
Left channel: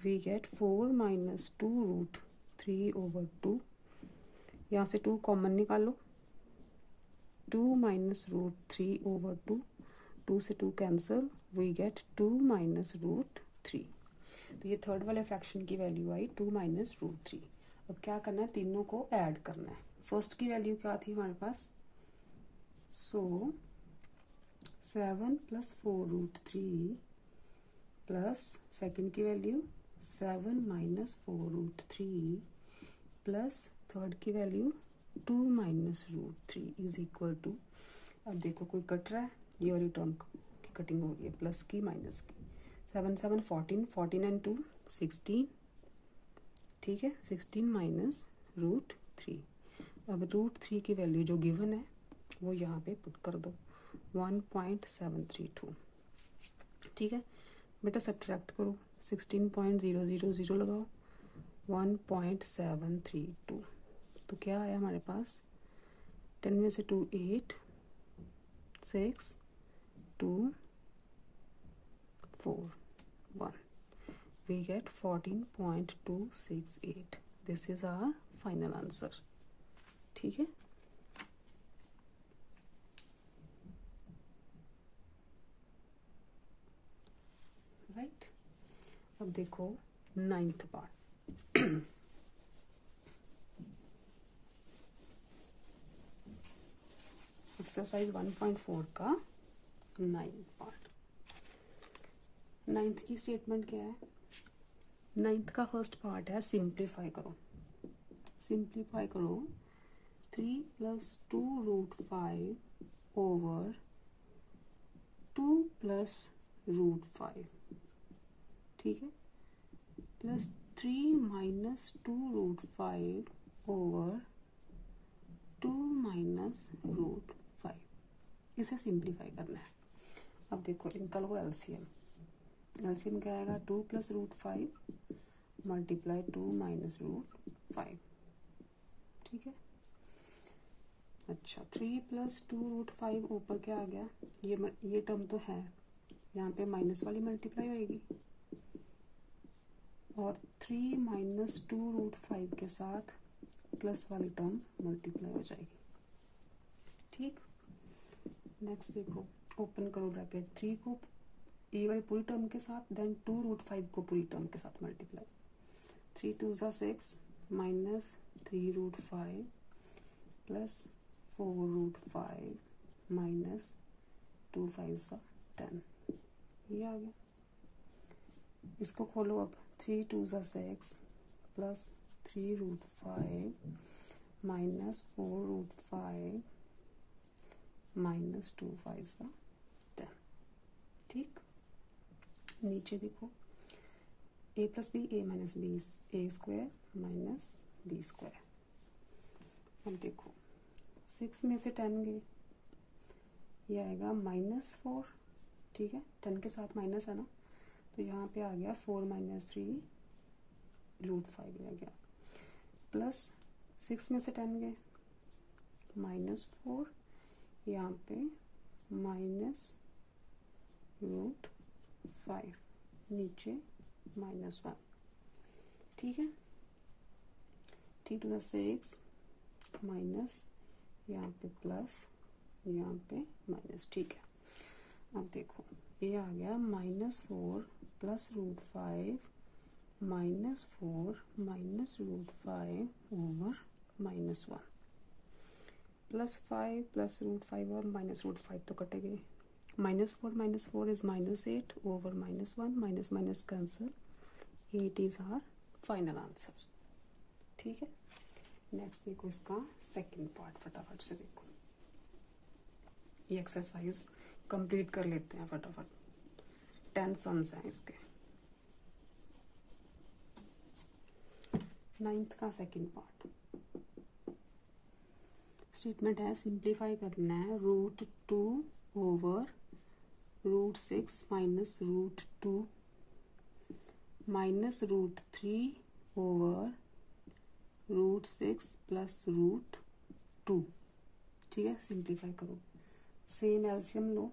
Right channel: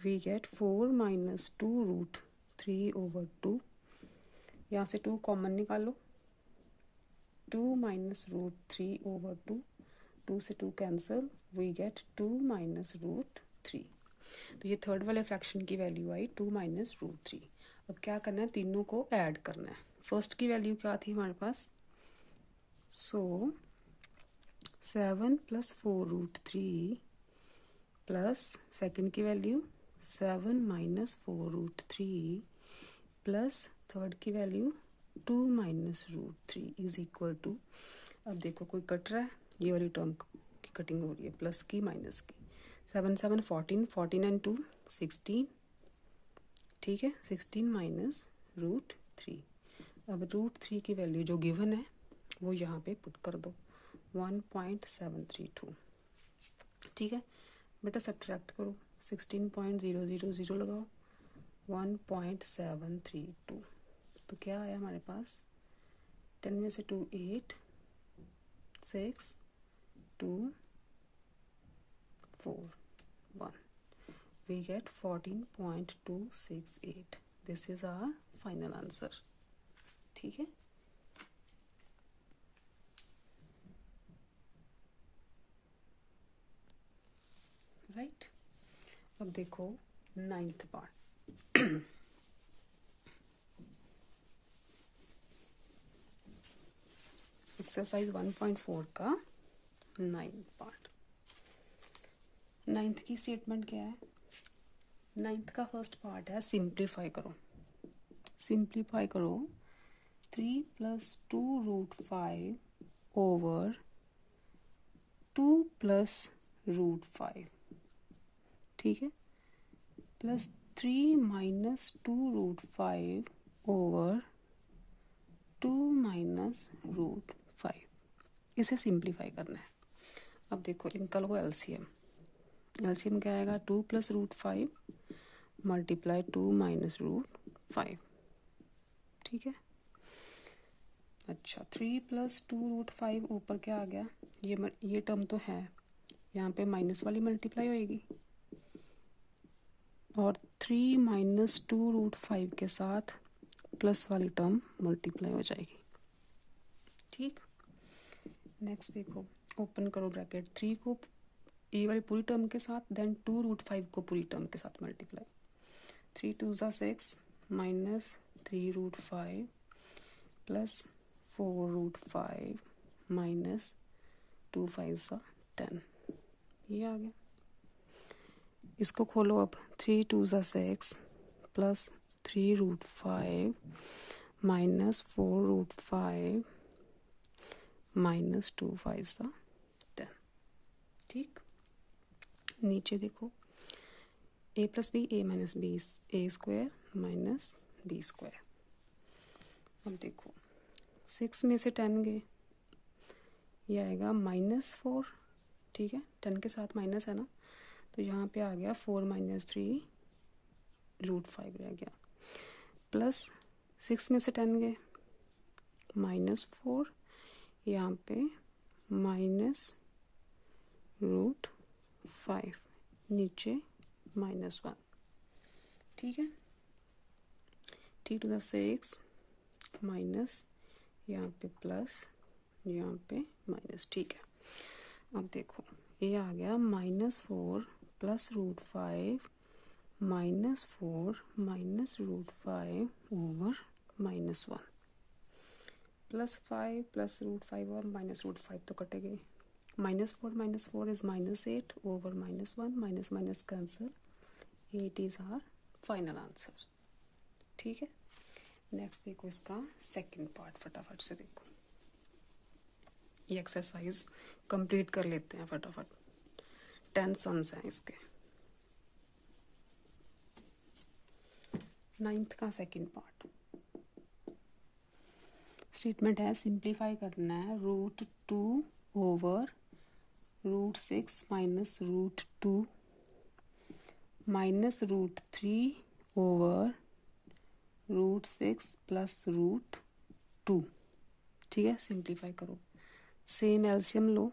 We get 4 - 2√3 over 2। यहाँ से 2 कॉमन निकालो, 2 - √3 over 2, 2 से 2 कैंसिल, वी गेट 2 - √3। तो ये थर्ड वाले फ्रैक्शन की वैल्यू आई 2 - √3। अब क्या करना है, तीनों को ऐड करना है। फर्स्ट की वैल्यू क्या थी हमारे पास, सो 7 + 4√3 प्लस सेकेंड की वैल्यू 7 - 4√3 प्लस थर्ड की वैल्यू 2 - √3 इज इक्वल टू, अब देखो कोई कट रहा है, ये वाली टर्म की कटिंग हो रही है, प्लस की माइनस की। 7 - 7 14, 14 and 2 16। ठीक है, 16 - √3। अब √3 की वैल्यू जो गिवन है वो यहाँ पे पुट कर दो, 1.732। ठीक है बेटा, सब्ट्रैक्ट करो, 16.000 लगाओ, 1.732। तो क्या आया हमारे पास, 10 में से 2 8, 6 2 4 1। We get 14.268। This is our final answer। ठीक है, राइट। अब देखो 9th पार्ट। एक्सरसाइज 1.4 का 9th पार्ट। 9th की स्टेटमेंट क्या है, 9th का फर्स्ट पार्ट है सिंप्लीफाई करो। सिंप्लीफाई करो 3 + 2√5 ओवर 2 + √5। ठीक है, प्लस 3 - 2√5 ओवर 2 - √5। इसे सिंप्लीफाई करना है। अब देखो इनका लो एलसीएम। एलसीएम क्या आएगा, 2 + √5 मल्टीप्लाई 2 - √5। ठीक है, अच्छा 3 + 2√5 ऊपर क्या आ गया, ये टर्म तो है, यहाँ पे माइनस वाली मल्टीप्लाई होएगी और 3 - 2√5 के साथ प्लस वाली टर्म मल्टीप्लाई हो जाएगी। ठीक, नेक्स्ट देखो, ओपन करो ब्रैकेट, 3 को ए वाली पूरी टर्म के साथ, देन 2√5 को पूरी टर्म के साथ मल्टीप्लाई। 3 2 = 6 minus 3√5 plus 4√5 minus 2 5 = 10। ये आ गया। इसको खोलो अब, 3 2 ज़ा 6 plus 3 root 5 minus 4 root 5 minus 2 5 ज़ा 10। ठीक, नीचे देखो a plus B a minus B A square minus B square. अब देखो 6 में से 10 गए, ये आएगा -4। ठीक है, 10 के साथ माइनस है ना, तो यहाँ पे आ गया 4 - 3 रूट 5 रह गया, प्लस 6 में से 10 गए -4, यहाँ पे माइनस रूट 5, नीचे -1। ठीक है, 3 to the 6 माइनस, यहाँ पे प्लस, यहाँ पे माइनस। ठीक है, अब देखो ये आ गया -4 plus root 5 -4 minus root 5 over -1, plus 5 plus root 5 और माइनस रूट 5 तो कटे गए, -4 is -8 over -1, minus minus cancel, 8 is our final answer. ठीक है, नेक्स्ट देखो इसका सेकंड पार्ट, फटाफट से देखो, ये एक्सरसाइज कंप्लीट कर लेते हैं फटाफट। 10 सम्स हैं इसके। 9th का सेकंड पार्ट, स्टेटमेंट है सिंप्लीफाई करना है √2 over √6 minus √2 minus √3 over √6 plus √2। ठीक है, सिंप्लीफाई करो, सेम एलसीएम लो,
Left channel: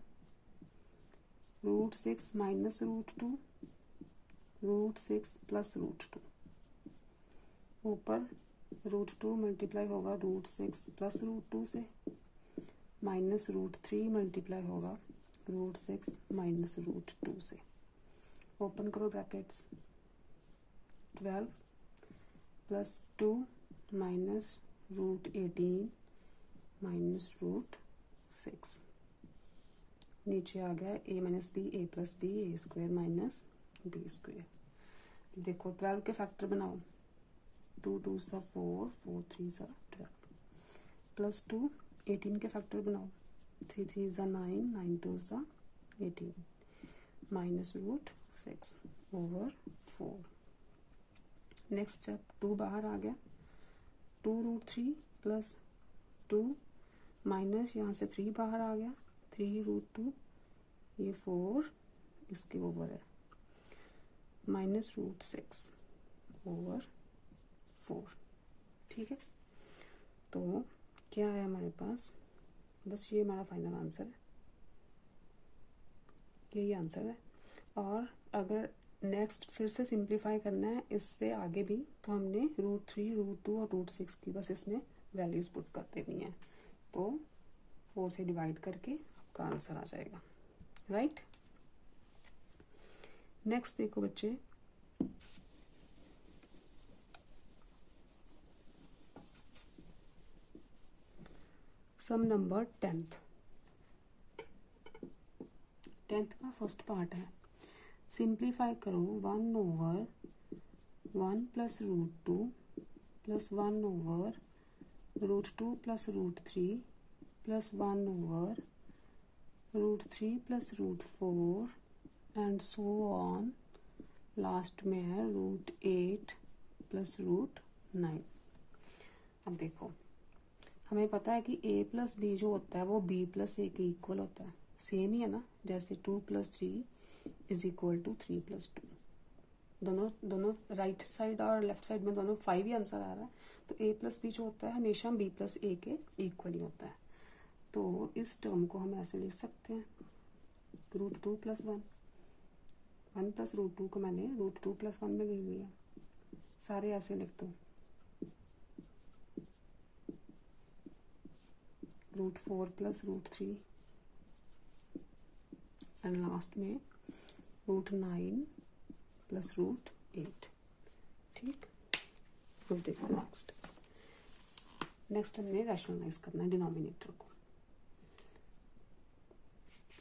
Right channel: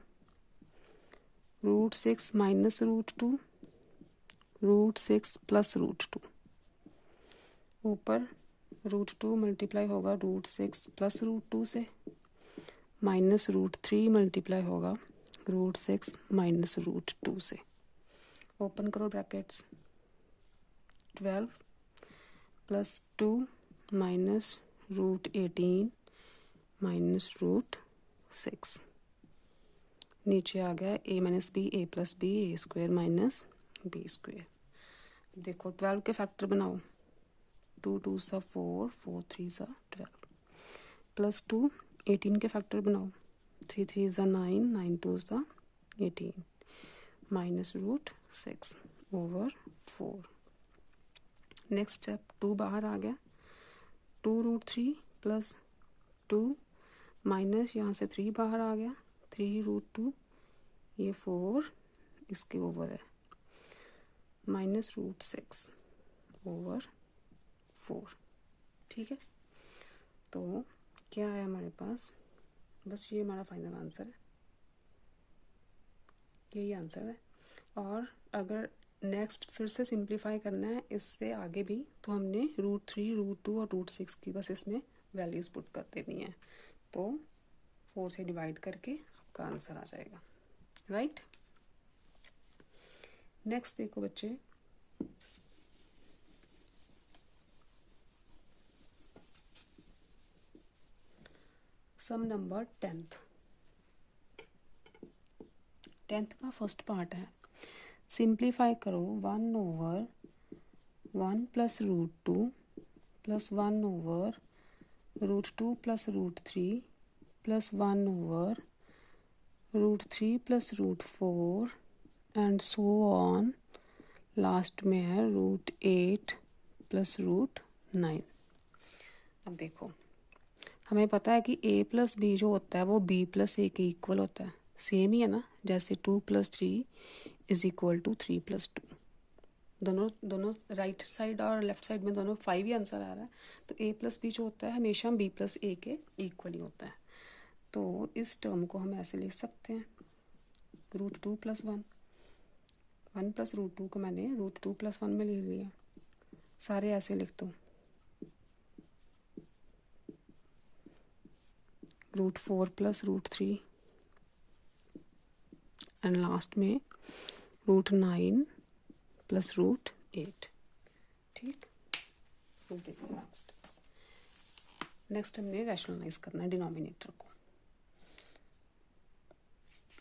√6 माइनस √2 √6 प्लस √2, ऊपर √2 मल्टीप्लाई होगा √6 प्लस √2 से, माइनस √3 मल्टीप्लाई होगा √6 माइनस √2 से, ओपन करो ब्रैकेट्स, 12 प्लस 2 माइनस √18 माइनस √6, नीचे आ गया a minus B A plus B A square minus B square. देखो 12 के फैक्टर बनाओ, 2 2 सा 4 4 3 सा 12 प्लस 2, 18 के फैक्टर बनाओ, 3 3 सा 9 9 2 सा 18 माइनस √6 ओवर 4। नेक्स्ट स्टेप, 2 बाहर आ गया, 2 √3 प्लस 2 माइनस यहाँ से 3 बाहर आ गया, 3 √2, ये 4 इसके ओवर है, माइनस √6 ओवर 4। ठीक है, तो क्या है हमारे पास, बस ये हमारा फाइनल आंसर है, यही आंसर है। और अगर नेक्स्ट फिर से सिंप्लीफाई करना है इससे आगे भी, तो हमने √3 √2 और √6 की बस इसमें वैल्यूज़ पुट कर देनी है, तो 4 से डिवाइड करके आपका आंसर आ जाएगा, राइट। नेक्स्ट देखो बच्चे, सम नंबर 10th का फर्स्ट पार्ट है, सिंप्लीफाई करो 1 over 1 plus √2 plus 1 over √2 plus √3 plus 1 over √3 plus √4 and so on, last में है √8 प्लस √9। अब देखो हमें पता है कि a प्लस बी जो होता है वो b प्लस ए के इक्वल होता है, सेम ही है ना, जैसे 2 + 3 = 3 + 2, दोनों राइट साइड और लेफ्ट साइड में दोनों 5 ही आंसर आ रहा है, तो a प्लस बी जो होता है हमेशा b प्लस ए के इक्वल ही होता है, तो इस टर्म को हम ऐसे लिख सकते हैं √2 + 1, 1 प्लस √2 को मैंने √2 + 1 में ले लिया, सारे ऐसे लिख दो, √4 + √3 एंड लास्ट में √9 + √8। ठीक, अब देखो नेक्स्ट हमने रैशनलाइज करना है डिनोमिनेटर को,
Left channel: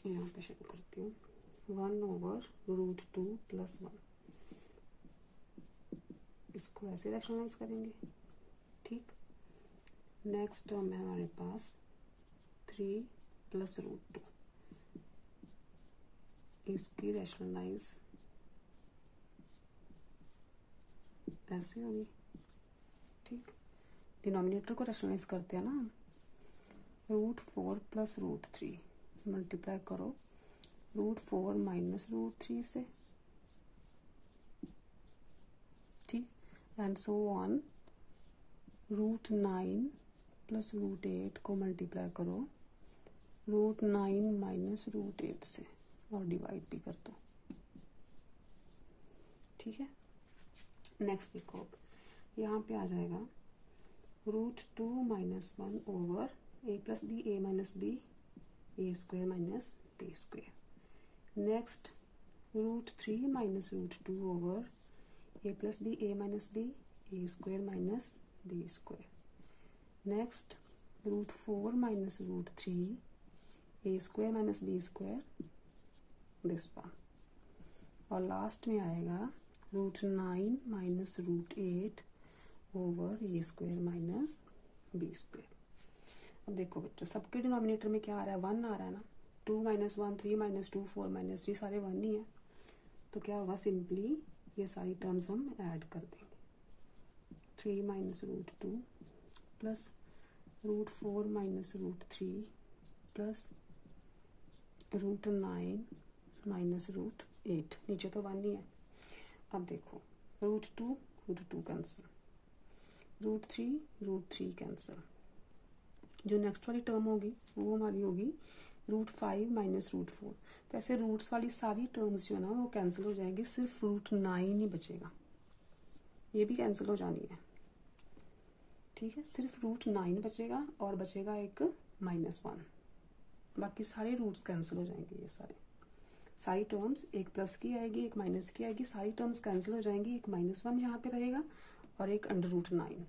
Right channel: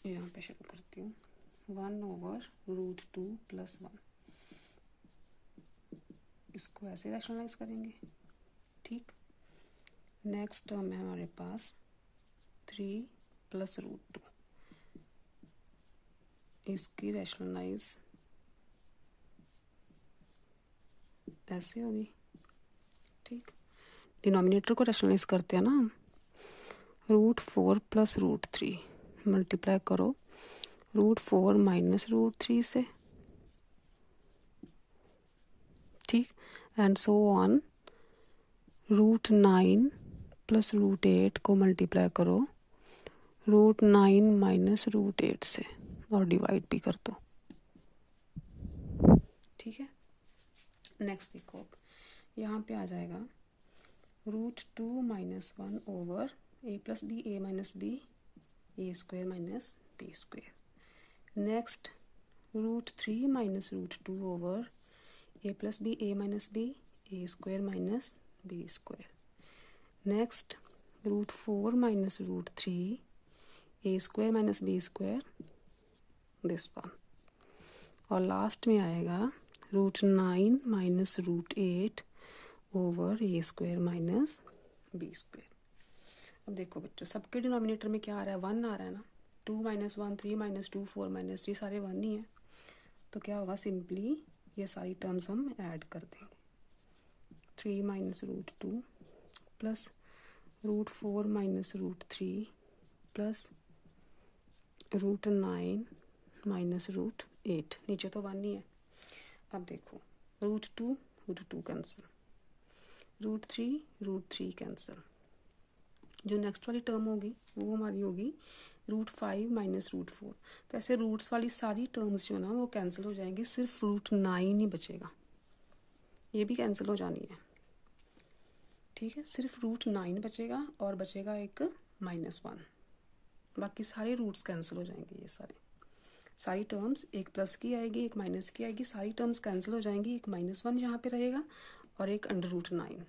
यहाँ पे शुरू करती हूँ, 1 ओवर √2 + 1, इसको ऐसे रैशनलाइज करेंगे, ठीक। नेक्स्ट टर्म है हमारे पास 3 प्लस रूट 2, इसकी रैशनलाइज ऐसे होगी, ठीक। डिनोमिनेटर को रैशनलाइज करते हैं ना, रूट 4 प्लस रूट 3 मल्टीप्लाई करो रूट 4 माइनस रूट 3 से, ठीक। And so on, root 9 plus root 8 को मल्टीप्लाई करो रूट 9 माइनस रूट 8 से और डिवाइड भी कर दो, ठीक है। नेक्स्ट देखो, यहाँ पे आ जाएगा root 2 minus 1 over A plus B a minus B A square minus B square. Next root 3 minus root 2 over A plus B a minus B A square minus B square. Next root 4 minus root 3 a square minus B square, this one. और last में आएगा root 9 minus root 8 over a square minus B square. अब देखो बच्चों, सबके denominator में क्या आ रहा है, 1 आ रहा है ना। 2 माइनस 1, 3 माइनस 2, 4 माइनस 3 सारे 1 ही है। तो क्या होगा, सिंपली ये सारी टर्म्स हम ऐड कर देंगे। 3 minus root 2 plus root 4 minus root 3 plus root 9 minus root 8, नीचे तो 1 ही है। अब देखो रूट 2 कैंसिल, रूट 3 कैंसिल। जो नेक्स्ट वाली टर्म होगी वो हमारी होगी रूट 5 माइनस रूट 4। तो ऐसे रूट्स वाली सारी टर्म्स जो है ना वो कैंसिल हो जाएंगी, सिर्फ रूट 9 ही बचेगा, ये भी कैंसिल हो जानी है, ठीक है। सिर्फ रूट 9 बचेगा और बचेगा एक -1, बाकी सारे रूट्स कैंसिल हो जाएंगे। ये सारी टर्म्स, एक प्लस की आएगी एक माइनस की आएगी, सारी टर्म्स कैंसिल हो जाएंगी। एक -1 यहाँ पे रहेगा और एक अंडर रूट 9,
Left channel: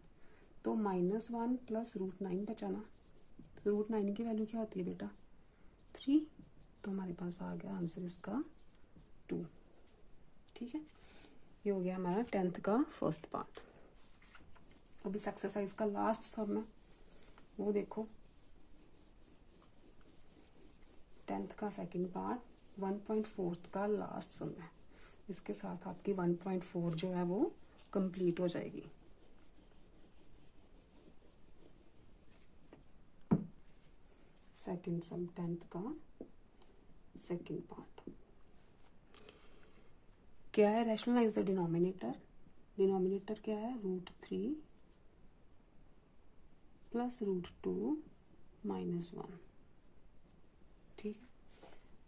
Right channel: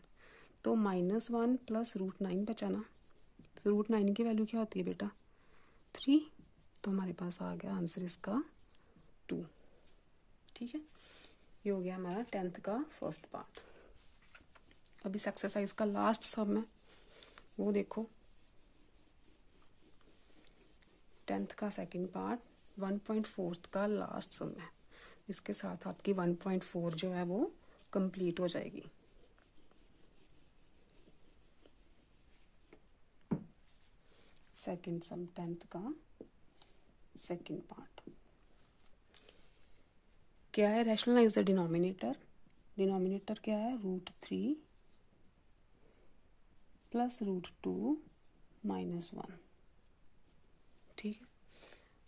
तो -1 प्लस रूट 9 बचा ना। तो रूट 9 की वैल्यू क्या होती है बेटा, 3। तो हमारे पास आ गया आंसर इसका 2, ठीक है। ये हो गया हमारा 10th का फर्स्ट पार्ट। अब इस एक्सरसाइज का लास्ट सम है वो देखो, 10th का सेकंड पार्ट 1.4 का लास्ट सम है। इसके साथ आपकी 1.4 जो है वो कंप्लीट हो जाएगी। सेकंड सम 10th का सेकंड पार्ट क्या है, रैशनलाइज द डिनोमिनेटर। डिनोमिनेटर क्या है, रूट 3 प्लस रूट 2 माइनस 1, ठीक है।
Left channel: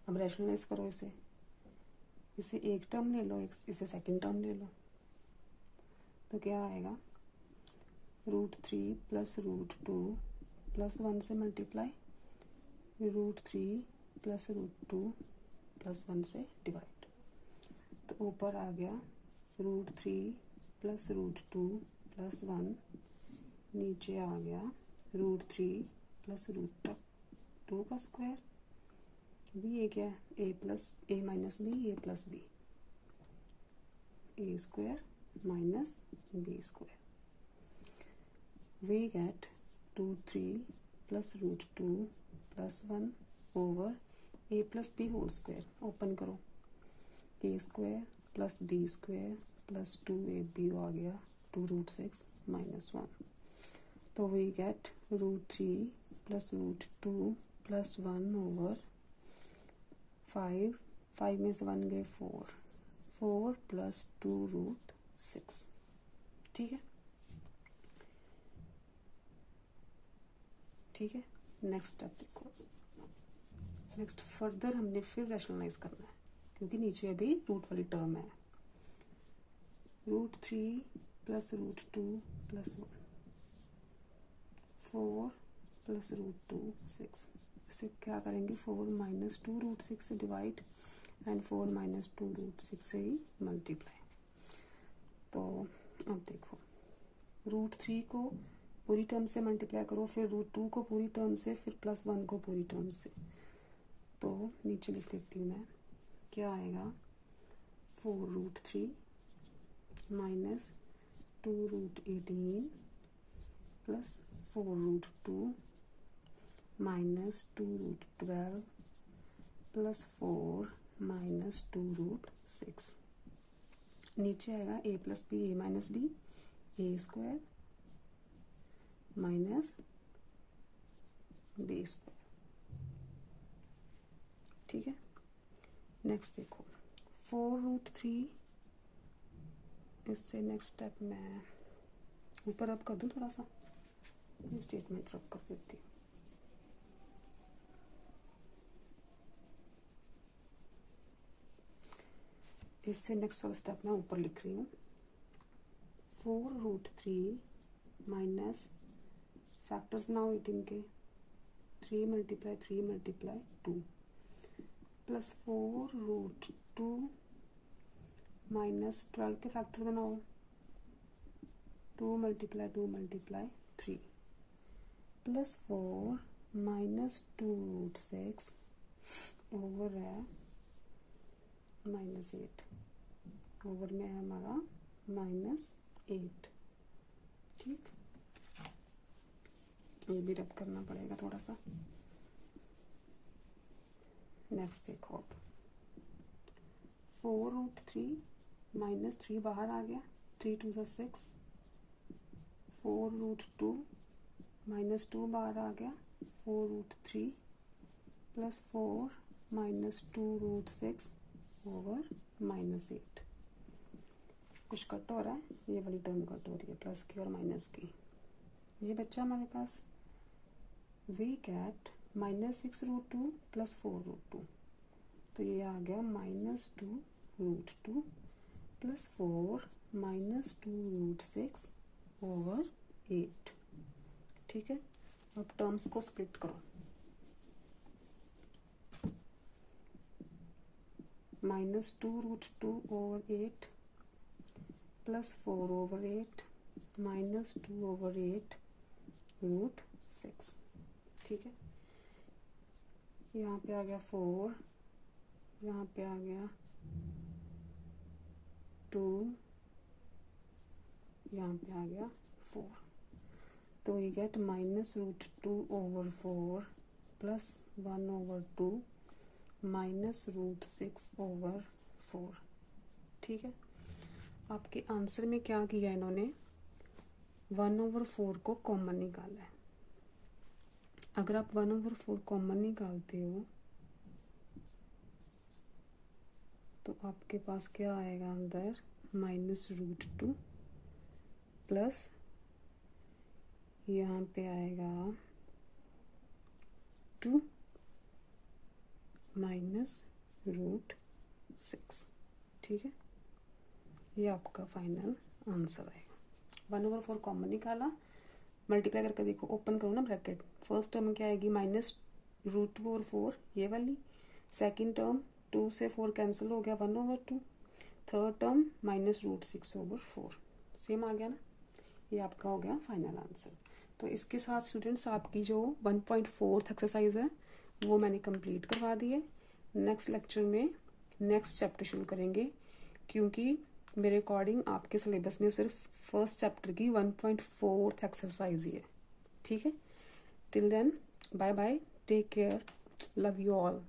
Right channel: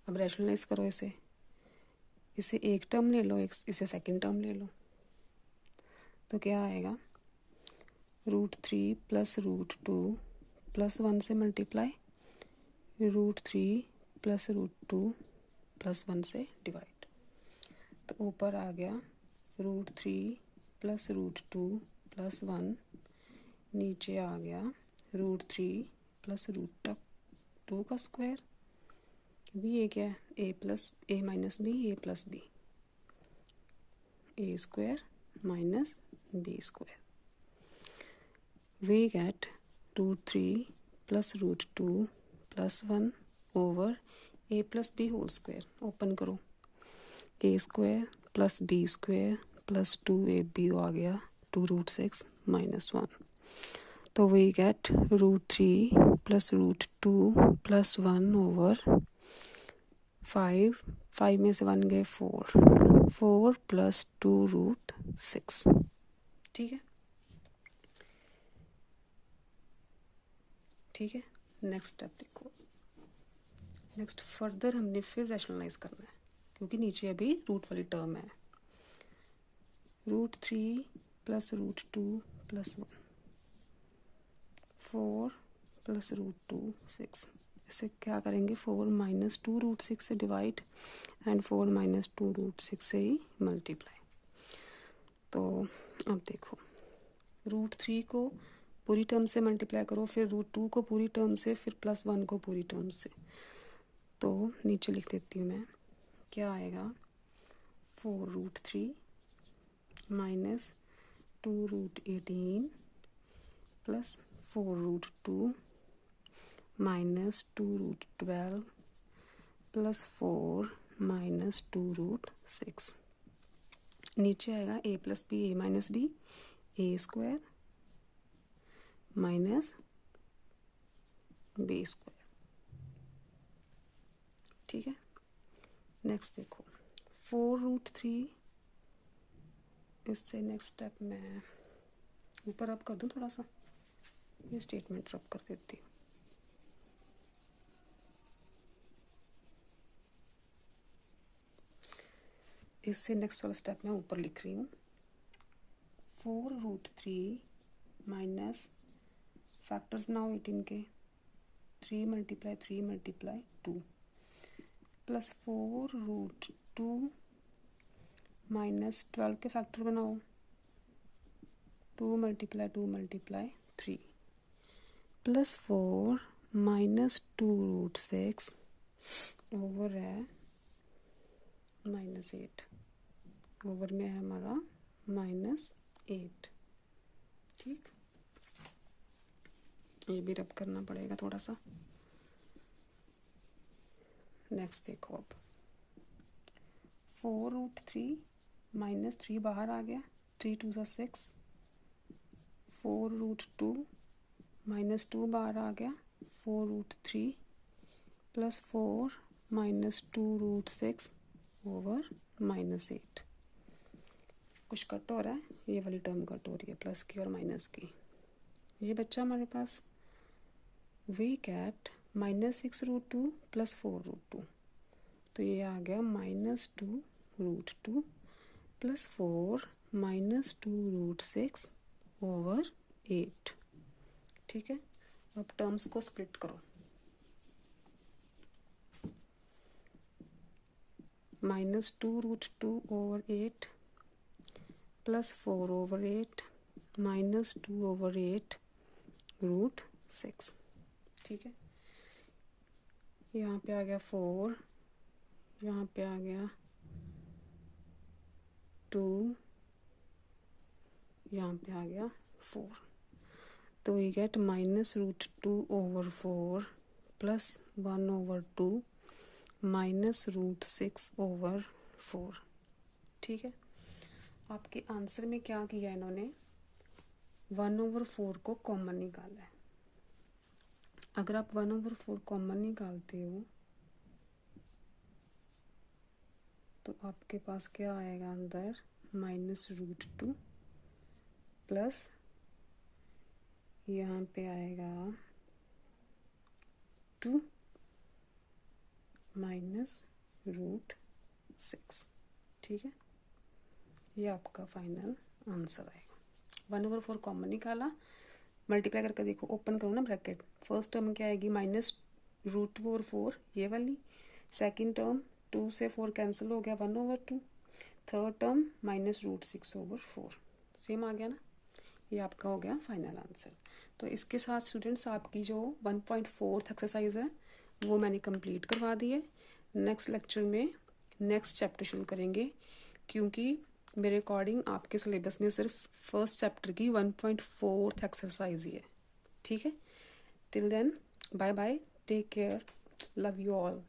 अब रैशनलाइज करो इसे एक टर्म ले लो, इसे सेकंड टर्म ले लो, तो क्या आएगा, रूट 3 प्लस रूट 2 प्लस 1 से multiply root 3 plus root 2 plus 1 से डिवाइड। तो ऊपर आ गया रूट 3 प्लस रूट 2 प्लस 1, नीचे आ गया रूट 3 प्लस रूट 2 का स्क्वायर, क्योंकि ये क्या है, A plus A minus B A plus B, A square minus B square. We get root 3 plus root 2 plus 1 over A plus B whole square. Open करो, A square plus B square plus 2ab आ गया 2 root 6 minus 1। तो we get root 3 plus root 2 plus 1 over 5 में से 1 गए 4 plus 2 root 6, ठीक है। ठीक है, नेक्स्ट स्टेप देखो। नेक्स्ट फर्दर हमने फिर रैशनलाइज करना है, क्योंकि नीचे अभी रूट वाली टर्म है। Root 3 plus root 2 plus 1, 4 plus root 2 6। इसे क्या करेंगे, 4 माइनस 2 रूट 6 से डिवाइड एंड 4 माइनस 2 रूट 6 से ही मल्टीप्लाई। तो अब देखो, रूट 3 को पूरी टर्म से मल्टीप्लाई करो, फिर रूट 2 को पूरी टर्म से, फिर प्लस 1 को पूरी टर्म से। तो नीचे लिख देती हूँ मैं, क्या आएगा, 4 root 3 minus 2√18 plus 4√2 minus 2√12 plus 4 minus 2√6। नीचे आएगा a plus b a minus B A square minus B square. ठीक है, नेक्स्ट देखो 4√3। इससे नेक्स्ट स्टेप मैं ऊपर रब कर दूँ, थोड़ा सा ये स्टेटमेंट रब कर देती हूँ। इससे नेक्स्ट वाला स्टेप मैं ऊपर लिख रही हूँ 4√3 माइनस फैक्टर्स नाउ 18 के 3 मल्टीप्लाई 3 मल्टीप्लाई 2 प्लस 4√2 माइनस 12 के फैक्टर बनाओ 2 multiply 2 multiply 3 plus 4 minus 2√6 over है -8 ओवर में है हमारा -8। ठीक, ये भी रब करना पड़ेगा थोड़ा सा। नेक्स्ट देखो अब 4√3 -3 बाहर आ गया, 3 2 6। 4√2 -2 बाहर आ गया, 4√3 प्लस 4 माइनस 2√6 ओवर -8। कुछ कट हो रहा है, ये वाली टर्म कट हो रही है प्लस की और माइनस की। ये बच्चा हमारे पास वी कैट -6√2 प्लस 4√2, तो ये आ गया -2√2 प्लस 4 माइनस 2√6 ओवर 8। ठीक है, अब टर्म्स को स्प्लिट करो। -2√2 over 8 plus 4 over 8 minus 2 over 8 √6। ठीक है, यहाँ पे आ गया 4, यहाँ पे आ गया 2, यहाँ पे आ गया 4, तो we get -√2 over 4 plus 1 over 2 minus √6 over 4। ठीक है, आपके आंसर में क्या किया इन्होंने, 1 ओवर 4 को कॉमन निकाला है। अगर आप 1 ओवर 4 कॉमन निकालते हो तो आपके पास क्या आएगा अंदर, -√2 प्लस यहाँ पे आएगा 2 माइनस √6। ठीक है, ये आपका फाइनल आंसर आएगा। 1 ओवर 4 कॉमन निकाला, मल्टीप्लाई करके देखो, ओपन करो ना ब्रैकेट। फर्स्ट टर्म क्या आएगी, -√2 ओवर 4 ये वाली। सेकंड टर्म 2 से 4 कैंसिल हो गया, 1 over 2। Third term -√6 over 4, same आ गया ना। ये आपका हो गया फाइनल आंसर। तो इसके साथ स्टूडेंट्स आपकी जो 1.4 एक्सरसाइज है वो मैंने कंप्लीट करवा दी है। नेक्स्ट लेक्चर में नेक्स्ट चैप्टर शुरू करेंगे, क्योंकि मेरे अकॉर्डिंग आपके सिलेबस में सिर्फ फर्स्ट चैप्टर की 1.4 एक्सरसाइज ही है। ठीक है, till then bye bye, take care, love you all.